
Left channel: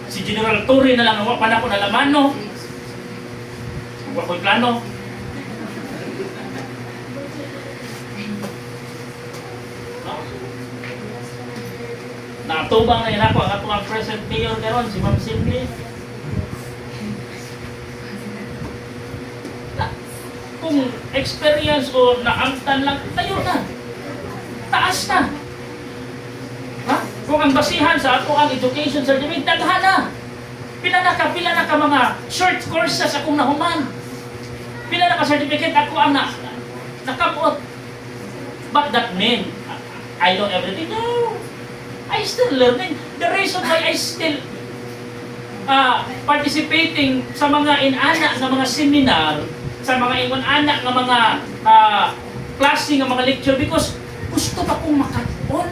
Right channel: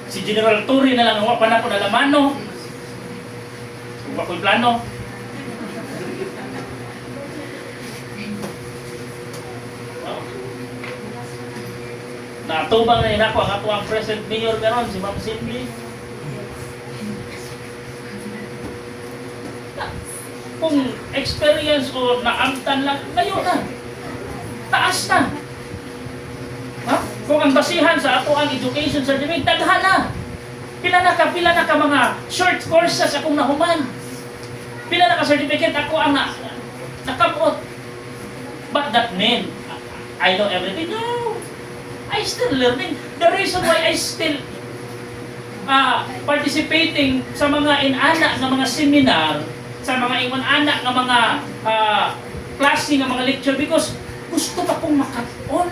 Si General Torre na lang ang wapan ako na lamano. Kung ako'y plano. Natubang na yun ako ang atuang present mayor karon si Ma'am Simli. Kung experience o naamtan lang, tayo na. Taas na. Ha? Kung ang basihan sa ato ang education certificate, daghan na. Pila na ka mga short courses akong nahuman. Pila na ka certificate ako ang nakamot. But that mean, I know everything. No. I still learning. The reason why I still participating sa mga inana ng mga seminar, sa mga ingon anak ng mga klase ng mga lecture because gusto pa kong makat-on.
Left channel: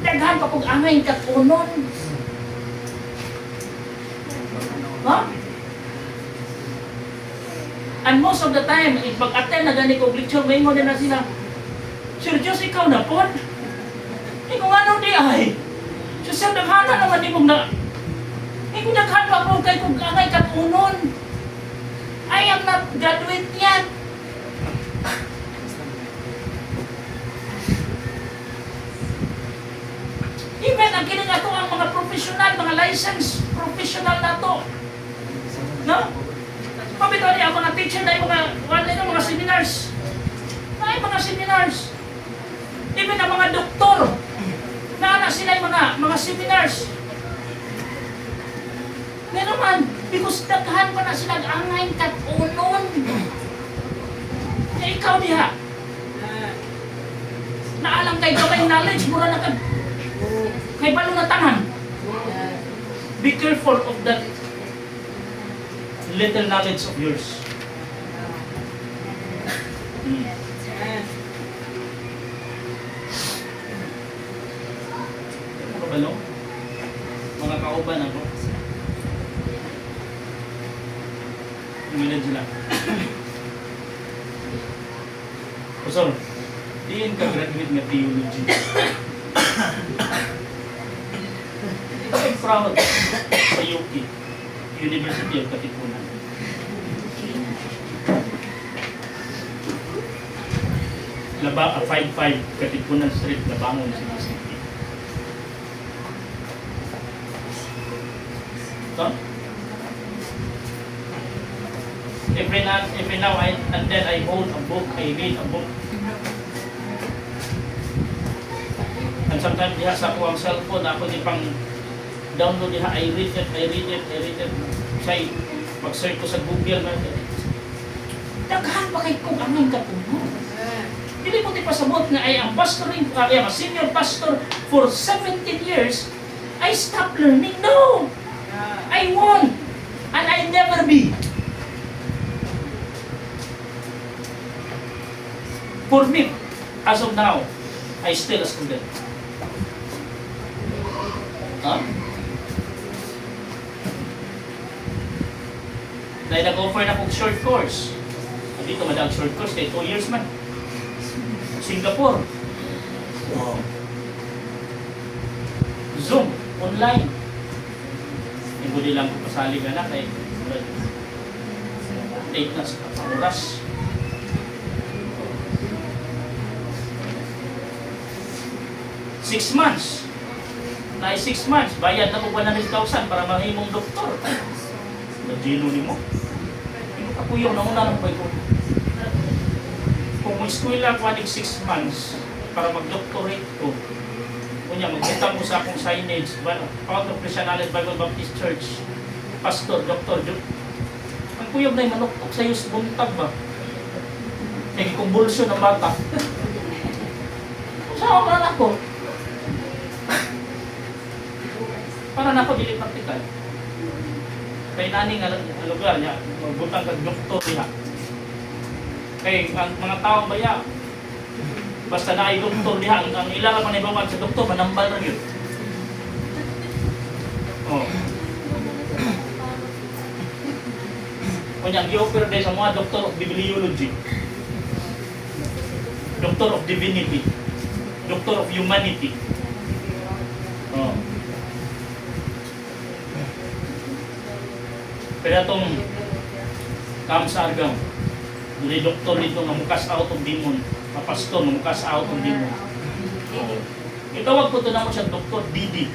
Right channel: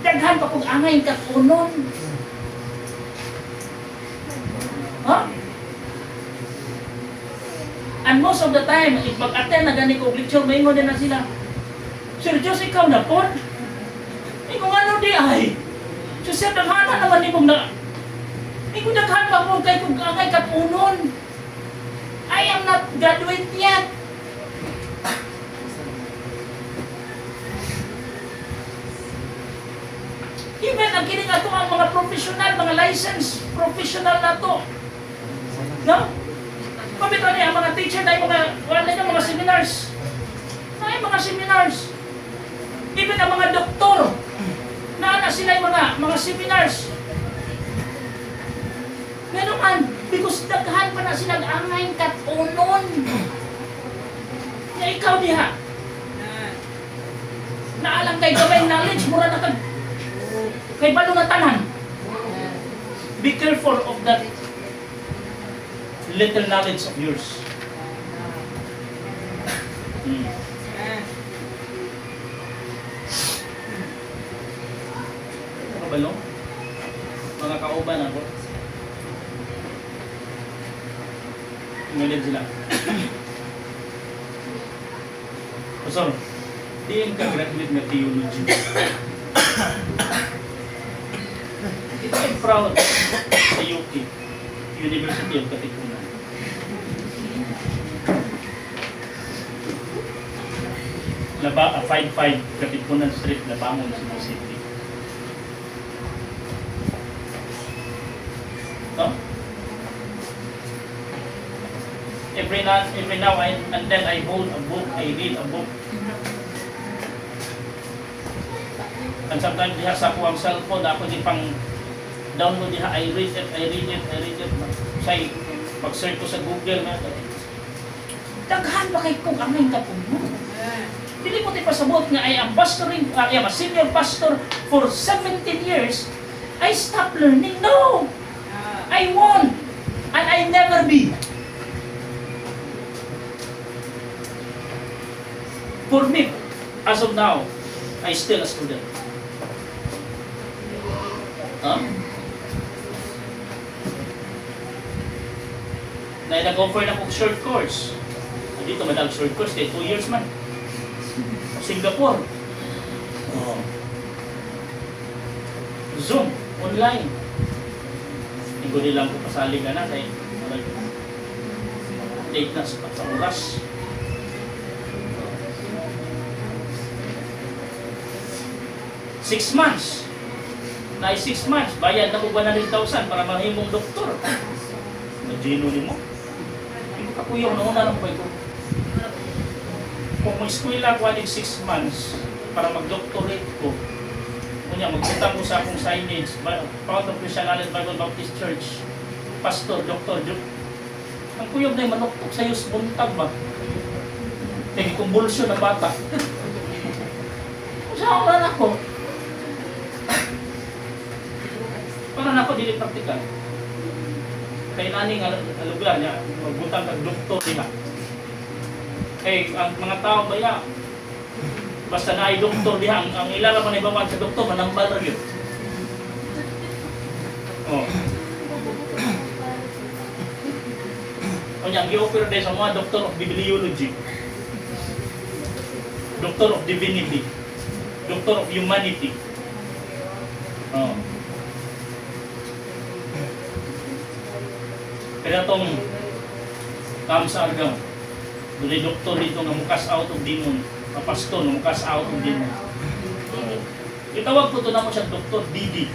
Daghan pa kong angay kat-onon. Huh? And most of the time, if mag-attend na gani kong lecture, may din na sila, Sir Diyos, ikaw na po? Ikaw ano di ay? So sir, daghana naman ni mong na, ikaw daghan pa kong kay kong angay kat-onon. I am not graduate yet. Even ang kining ato ang mga professional, mga license professional na to. No? Pabito niya ang mga teacher na yung mga seminars. Na yung mga seminars. Even ang mga doktor. Na sila yung mga seminars. Meron man, because daghan pa na sila angay kat-unon. Ya ikaw diha. Naalang kay gabay knowledge, mura na kay balo na tanan. Be careful of that little knowledge of yours. Ano ba no? Mga kauban ako. Umilig sila. Pastor, diyan ka graduate ng theology. proud sa UK, University of Katipunan. Laba, 55 Katipunan Street, Labangon, Cebu City. No? Every now and then I hold a book, I read a book. And sometimes diha sa akong cellphone, ako di pang download diha, I read it. Say, pag-search ko sa Google, daghan pa kay kung ano yung kapuno. Dili ko di pasabot nga ay ang pastoring, ay ang senior pastor for 17 years, I stopped learning. No! I won't! And I never be. For me, as of now, I still a student. Huh? Na nag-offer na kong short course. Dito madag short course, kaya 2 years man. Singapore. Oh. Zoom, online. Hindi ko lang ko pasali ka na kay date na sa oras. Six months. Na 6 months, bayad na ko 100,000 para mahimong doktor. Madino ni mo. Yung kapuyong na una lang ko. Kung may eskwela ko 6 months para mag-doctorate ko, kunya magpunta ko sa akong signage, Power of Christianity Bible Baptist Church, pastor, doktor, ang kuyog na yung manuktok sa'yo sa buntag ba? Kaya kumbulsyon ng bata. Saan ako na ako? Para na ako dili praktikal. Kaya nani nga lugar niya, magbutang kag doktor niya. Eh, ang mga tao baya, basta na ay doktor niya, ang ilang man ibawan sa doktor, manambal na yun. Oh. Kanya, ang i-offer din sa mga Doctor of Bibliology, Doctor of Divinity, Doctor of Humanity. Oh. Kaya itong Kamsa Argam, dili doktor dito nga mukas out of demon, pastor nga mukas out of demon. Oh. Itawag po ito naman siya Dr. DD.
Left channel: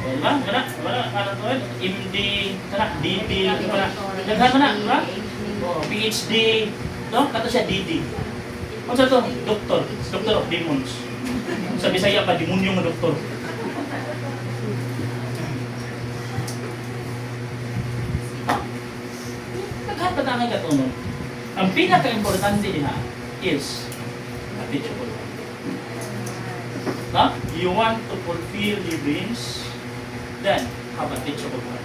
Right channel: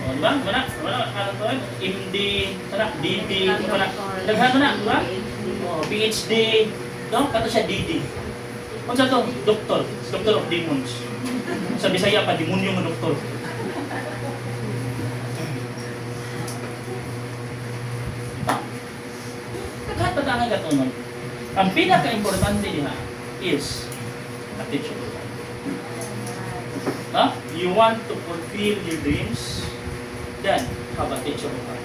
O, diba? Mana? Ano to? MD, DD, mana? Daghan na, diba? O, PhD, no? Kato siya DD. Ano sa ito? Doctor of Demons. Sa Bisaya pa, demonyo nga doktor. Nagkatatangan ka ito, no? Ang pinaka-importante niya is a teachable. Huh? You want to fulfill your dreams? Then, have a teachable heart.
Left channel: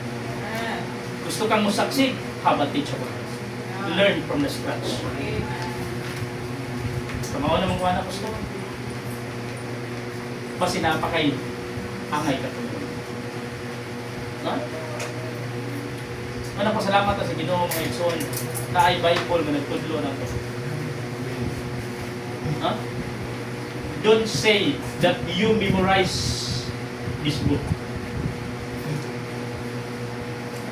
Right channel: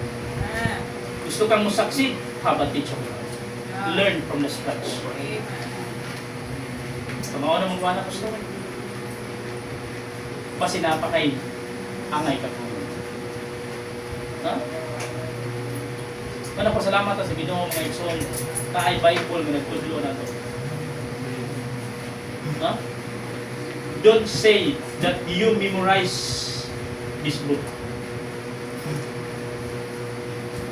Gusto kang musaksig? Have a teachable heart. Learn from the scratch. Kamawa na magwana ko gusto. Basi napakay angay katulong. Ha? Manapasalamat sa Ginoo mga igsoon na ay Bible nga nagtudlo na ito. Ha? Don't say that you memorize this book.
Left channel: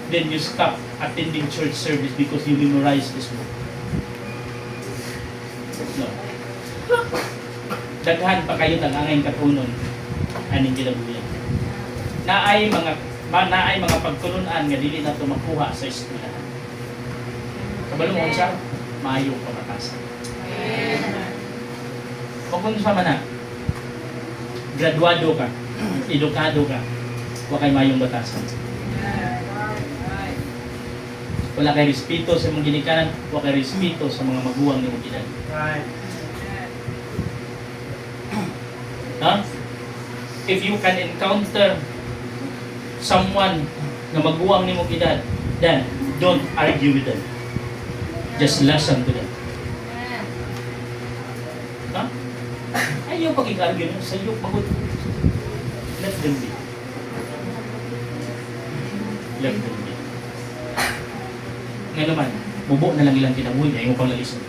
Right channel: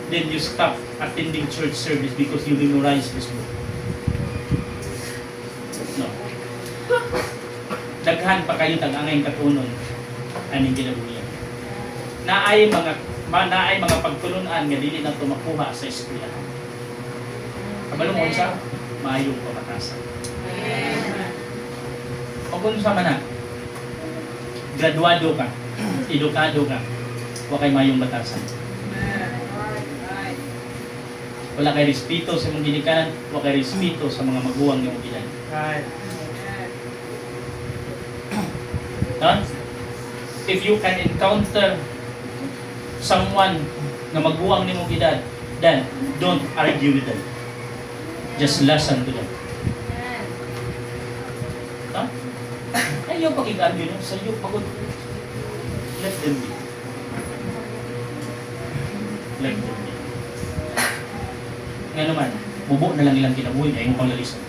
Then you stop attending church service because you memorize this book. No. Daghan pa kayo tangangay katunon aning ginabuya. Naay mga pagtulunan nga dili na makuha sa eskwela. Kabalo mo siya, maayo pamatasan. O kung sa mana, graduado ka, edukado ka, huwag kay mayong batasan. Wala kay respeto sa mong ginikanan, huwag kay respeto sa mga maguwang ng edad. Right. Huh? If you can encounter someone na maguwang ni mong edad, then don't argue with them. Just listen to them. Huh? Ayaw pag-i-argue, no? Sa iyo pagod. Let them be. Let them be. Ngayon naman, bubo na lang ilang kinabuhi, ayaw mo pang lalisod.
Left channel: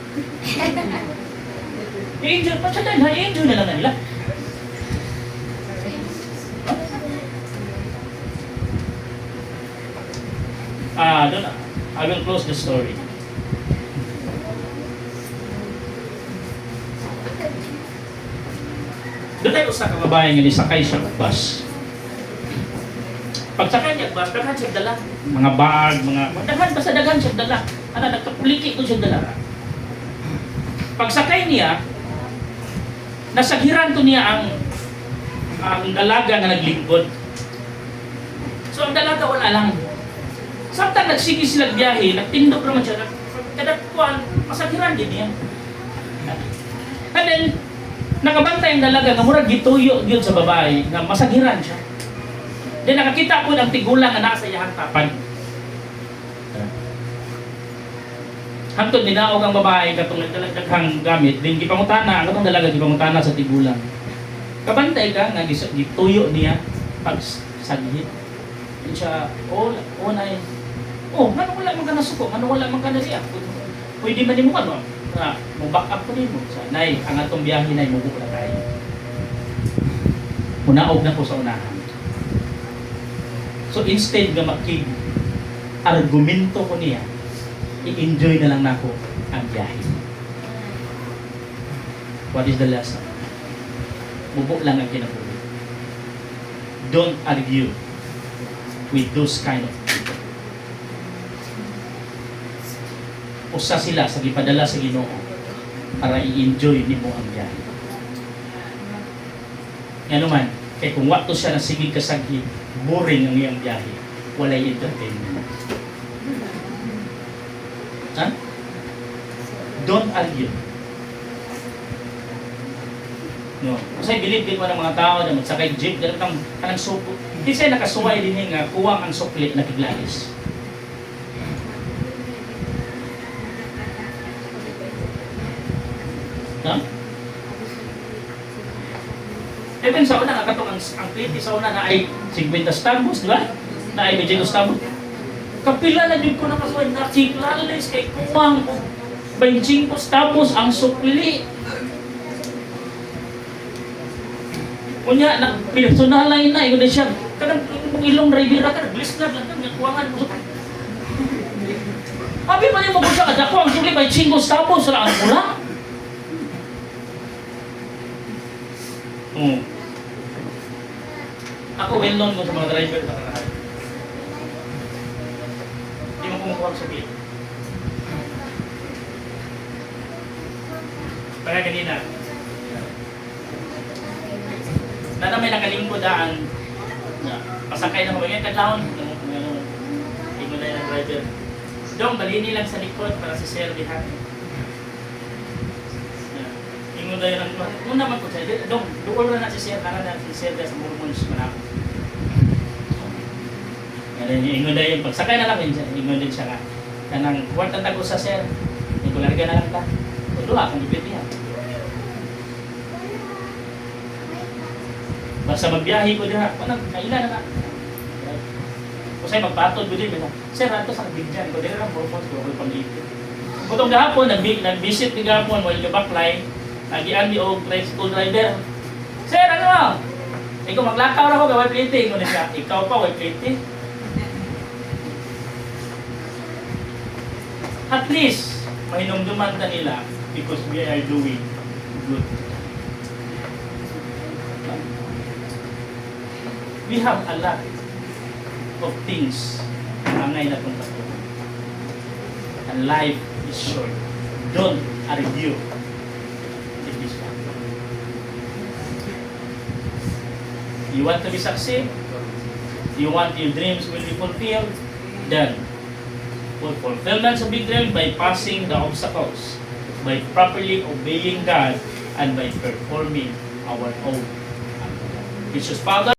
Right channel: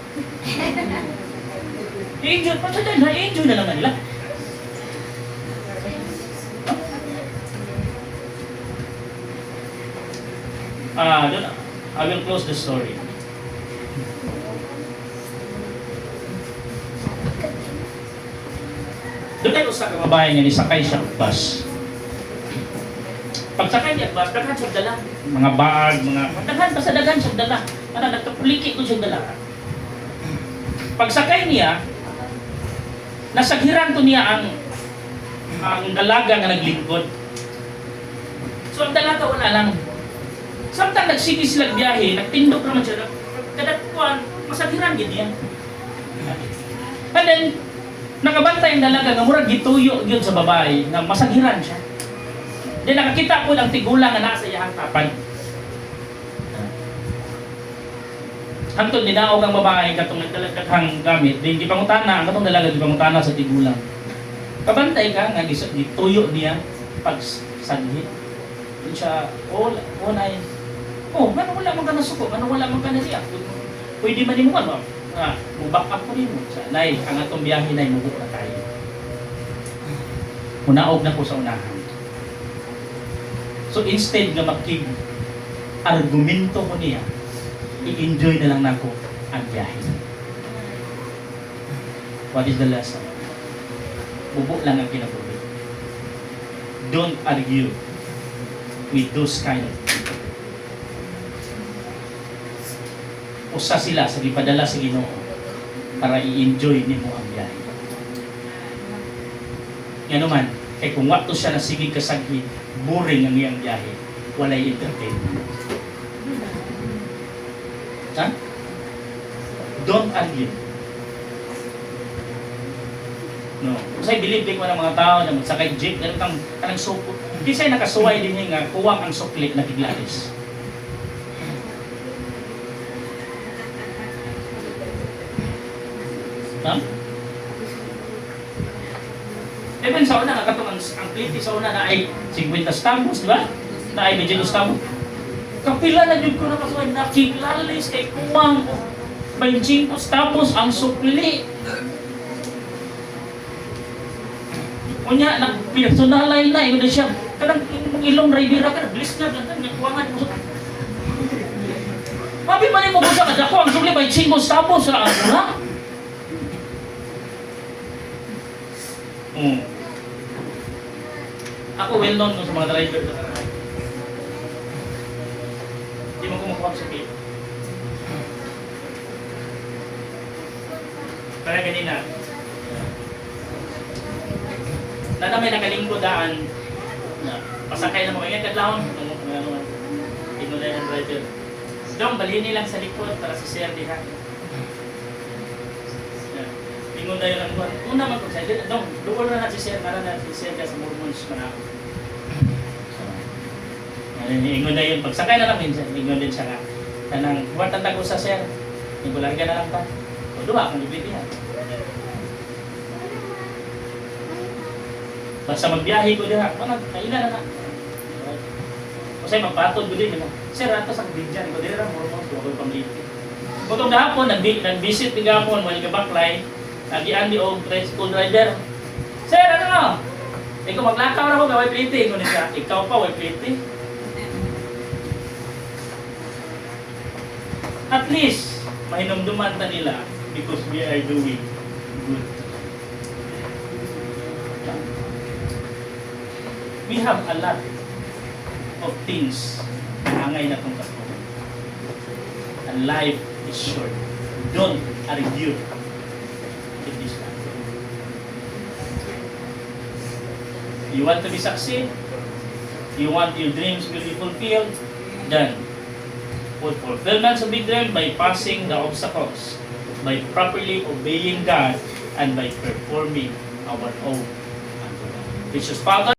I-enjoy pa siya dahil, i-enjoy na lang na nila. I will close the story. Doon ay usa ka babae nga nisakay siya og bus. Pagsakay niya og bus, daghan siya dala. Mga bag, mga daghan siya dala. Ana nagkapuliki ko siya dala. Pagsakay niya, nasagiran to niya ang dalaga nga naglingkod. So ang dalaga wala lang. Samtang nagsige sila biyahe, nagtindog naman siya, kadagkuan, masagiran gid niya. And then, nakabantay ang dalaga nga murag gituyo gyud sa babae na masagiran siya. Then nakakita ko ang tigulang nga nasa iyang tapan. Hangtod dinaog ang babae katong nagdalaghang gamit, din gipangutana ang atong dalaga gipangutana sa tigulang. Kabantay ka nga gituyo niya pag saglit. Siya, nay. Ngano wala man ka nasuko, ngano wala man ka na siya. Pwede man mo ba? Mo back up pa rin mo. Nay, ang atong biyahe nay mo na tayo. Munaog na ko sa unahan. So instead nga argumento ko niya, i-enjoy na lang nako ang biyahe. What is the lesson? Bubuk lang ang kinabuhi. Don't argue with those kind of people. Usa sila sa gipadala sa Ginoo para i-enjoy nimo ang biyahe. Nga naman, kay kung wakto siya nasigig kasaghi, boring ang iyang biyahe, walay entertainment. Ha? Don't argue. No. Kasi believe din ko ng mga tao na magsakay jeep, ganun kanang suko. Hindi siya nakasuway din nga kuwang ang sukli na tiglalis. Ha? Even sa una nga katong ang plate sa una na ay 50 stambos, di ba? Na ay medyo stambos. Kapila na din ko nakasuway na tiglalis kay kuwang 25 stambos ang sukli. Kunya na personalay na imo siya kanang ilong rivera ka glis na lang kan kuwangan mo. Papi man mo sa kada ko ang sukli may 5 stambos ra ang una. Ako well known sa mga driver na karahay. Di mo kumukuha ang sukli. Para kanina, na may nakalinggo daan, pasakay na mga kadlawon, tingnan na yung driver. Dong, balini lang sa likod para si Sir diha. Ingon na yun, muna man po siya, dong, doon na si Sir, para na si Sir sa Mormons manako. Ingon na yun, pagsakay na lang din siya, ingon din siya nga. Kanang, kuwart ang tago sa Sir, ikularga na lang ta. O duha, kung ipit niya. Basta magbiyahe ko din ha, kaila na na. Kasi magpatod ko din, Sir, ato sa bigyan ko, din na Mormons ko, ako pang-ipit. Kung gahapon, nag-visit din gahapon, may backline, nagian di og school driver. Sir, ano? Ikaw maglakaw na ko gaway plate. Ngunit ka, ikaw pa way plate. At least, mahinumduman na nila because we are doing good. We have a lot of things na angay na itong katunan. And life is short. Don't argue. You want to be succeed? You want your dreams will be fulfilled? Then, for fulfillment of big dreams by passing the obstacles, by properly obeying God, and by performing our own. Precious Father,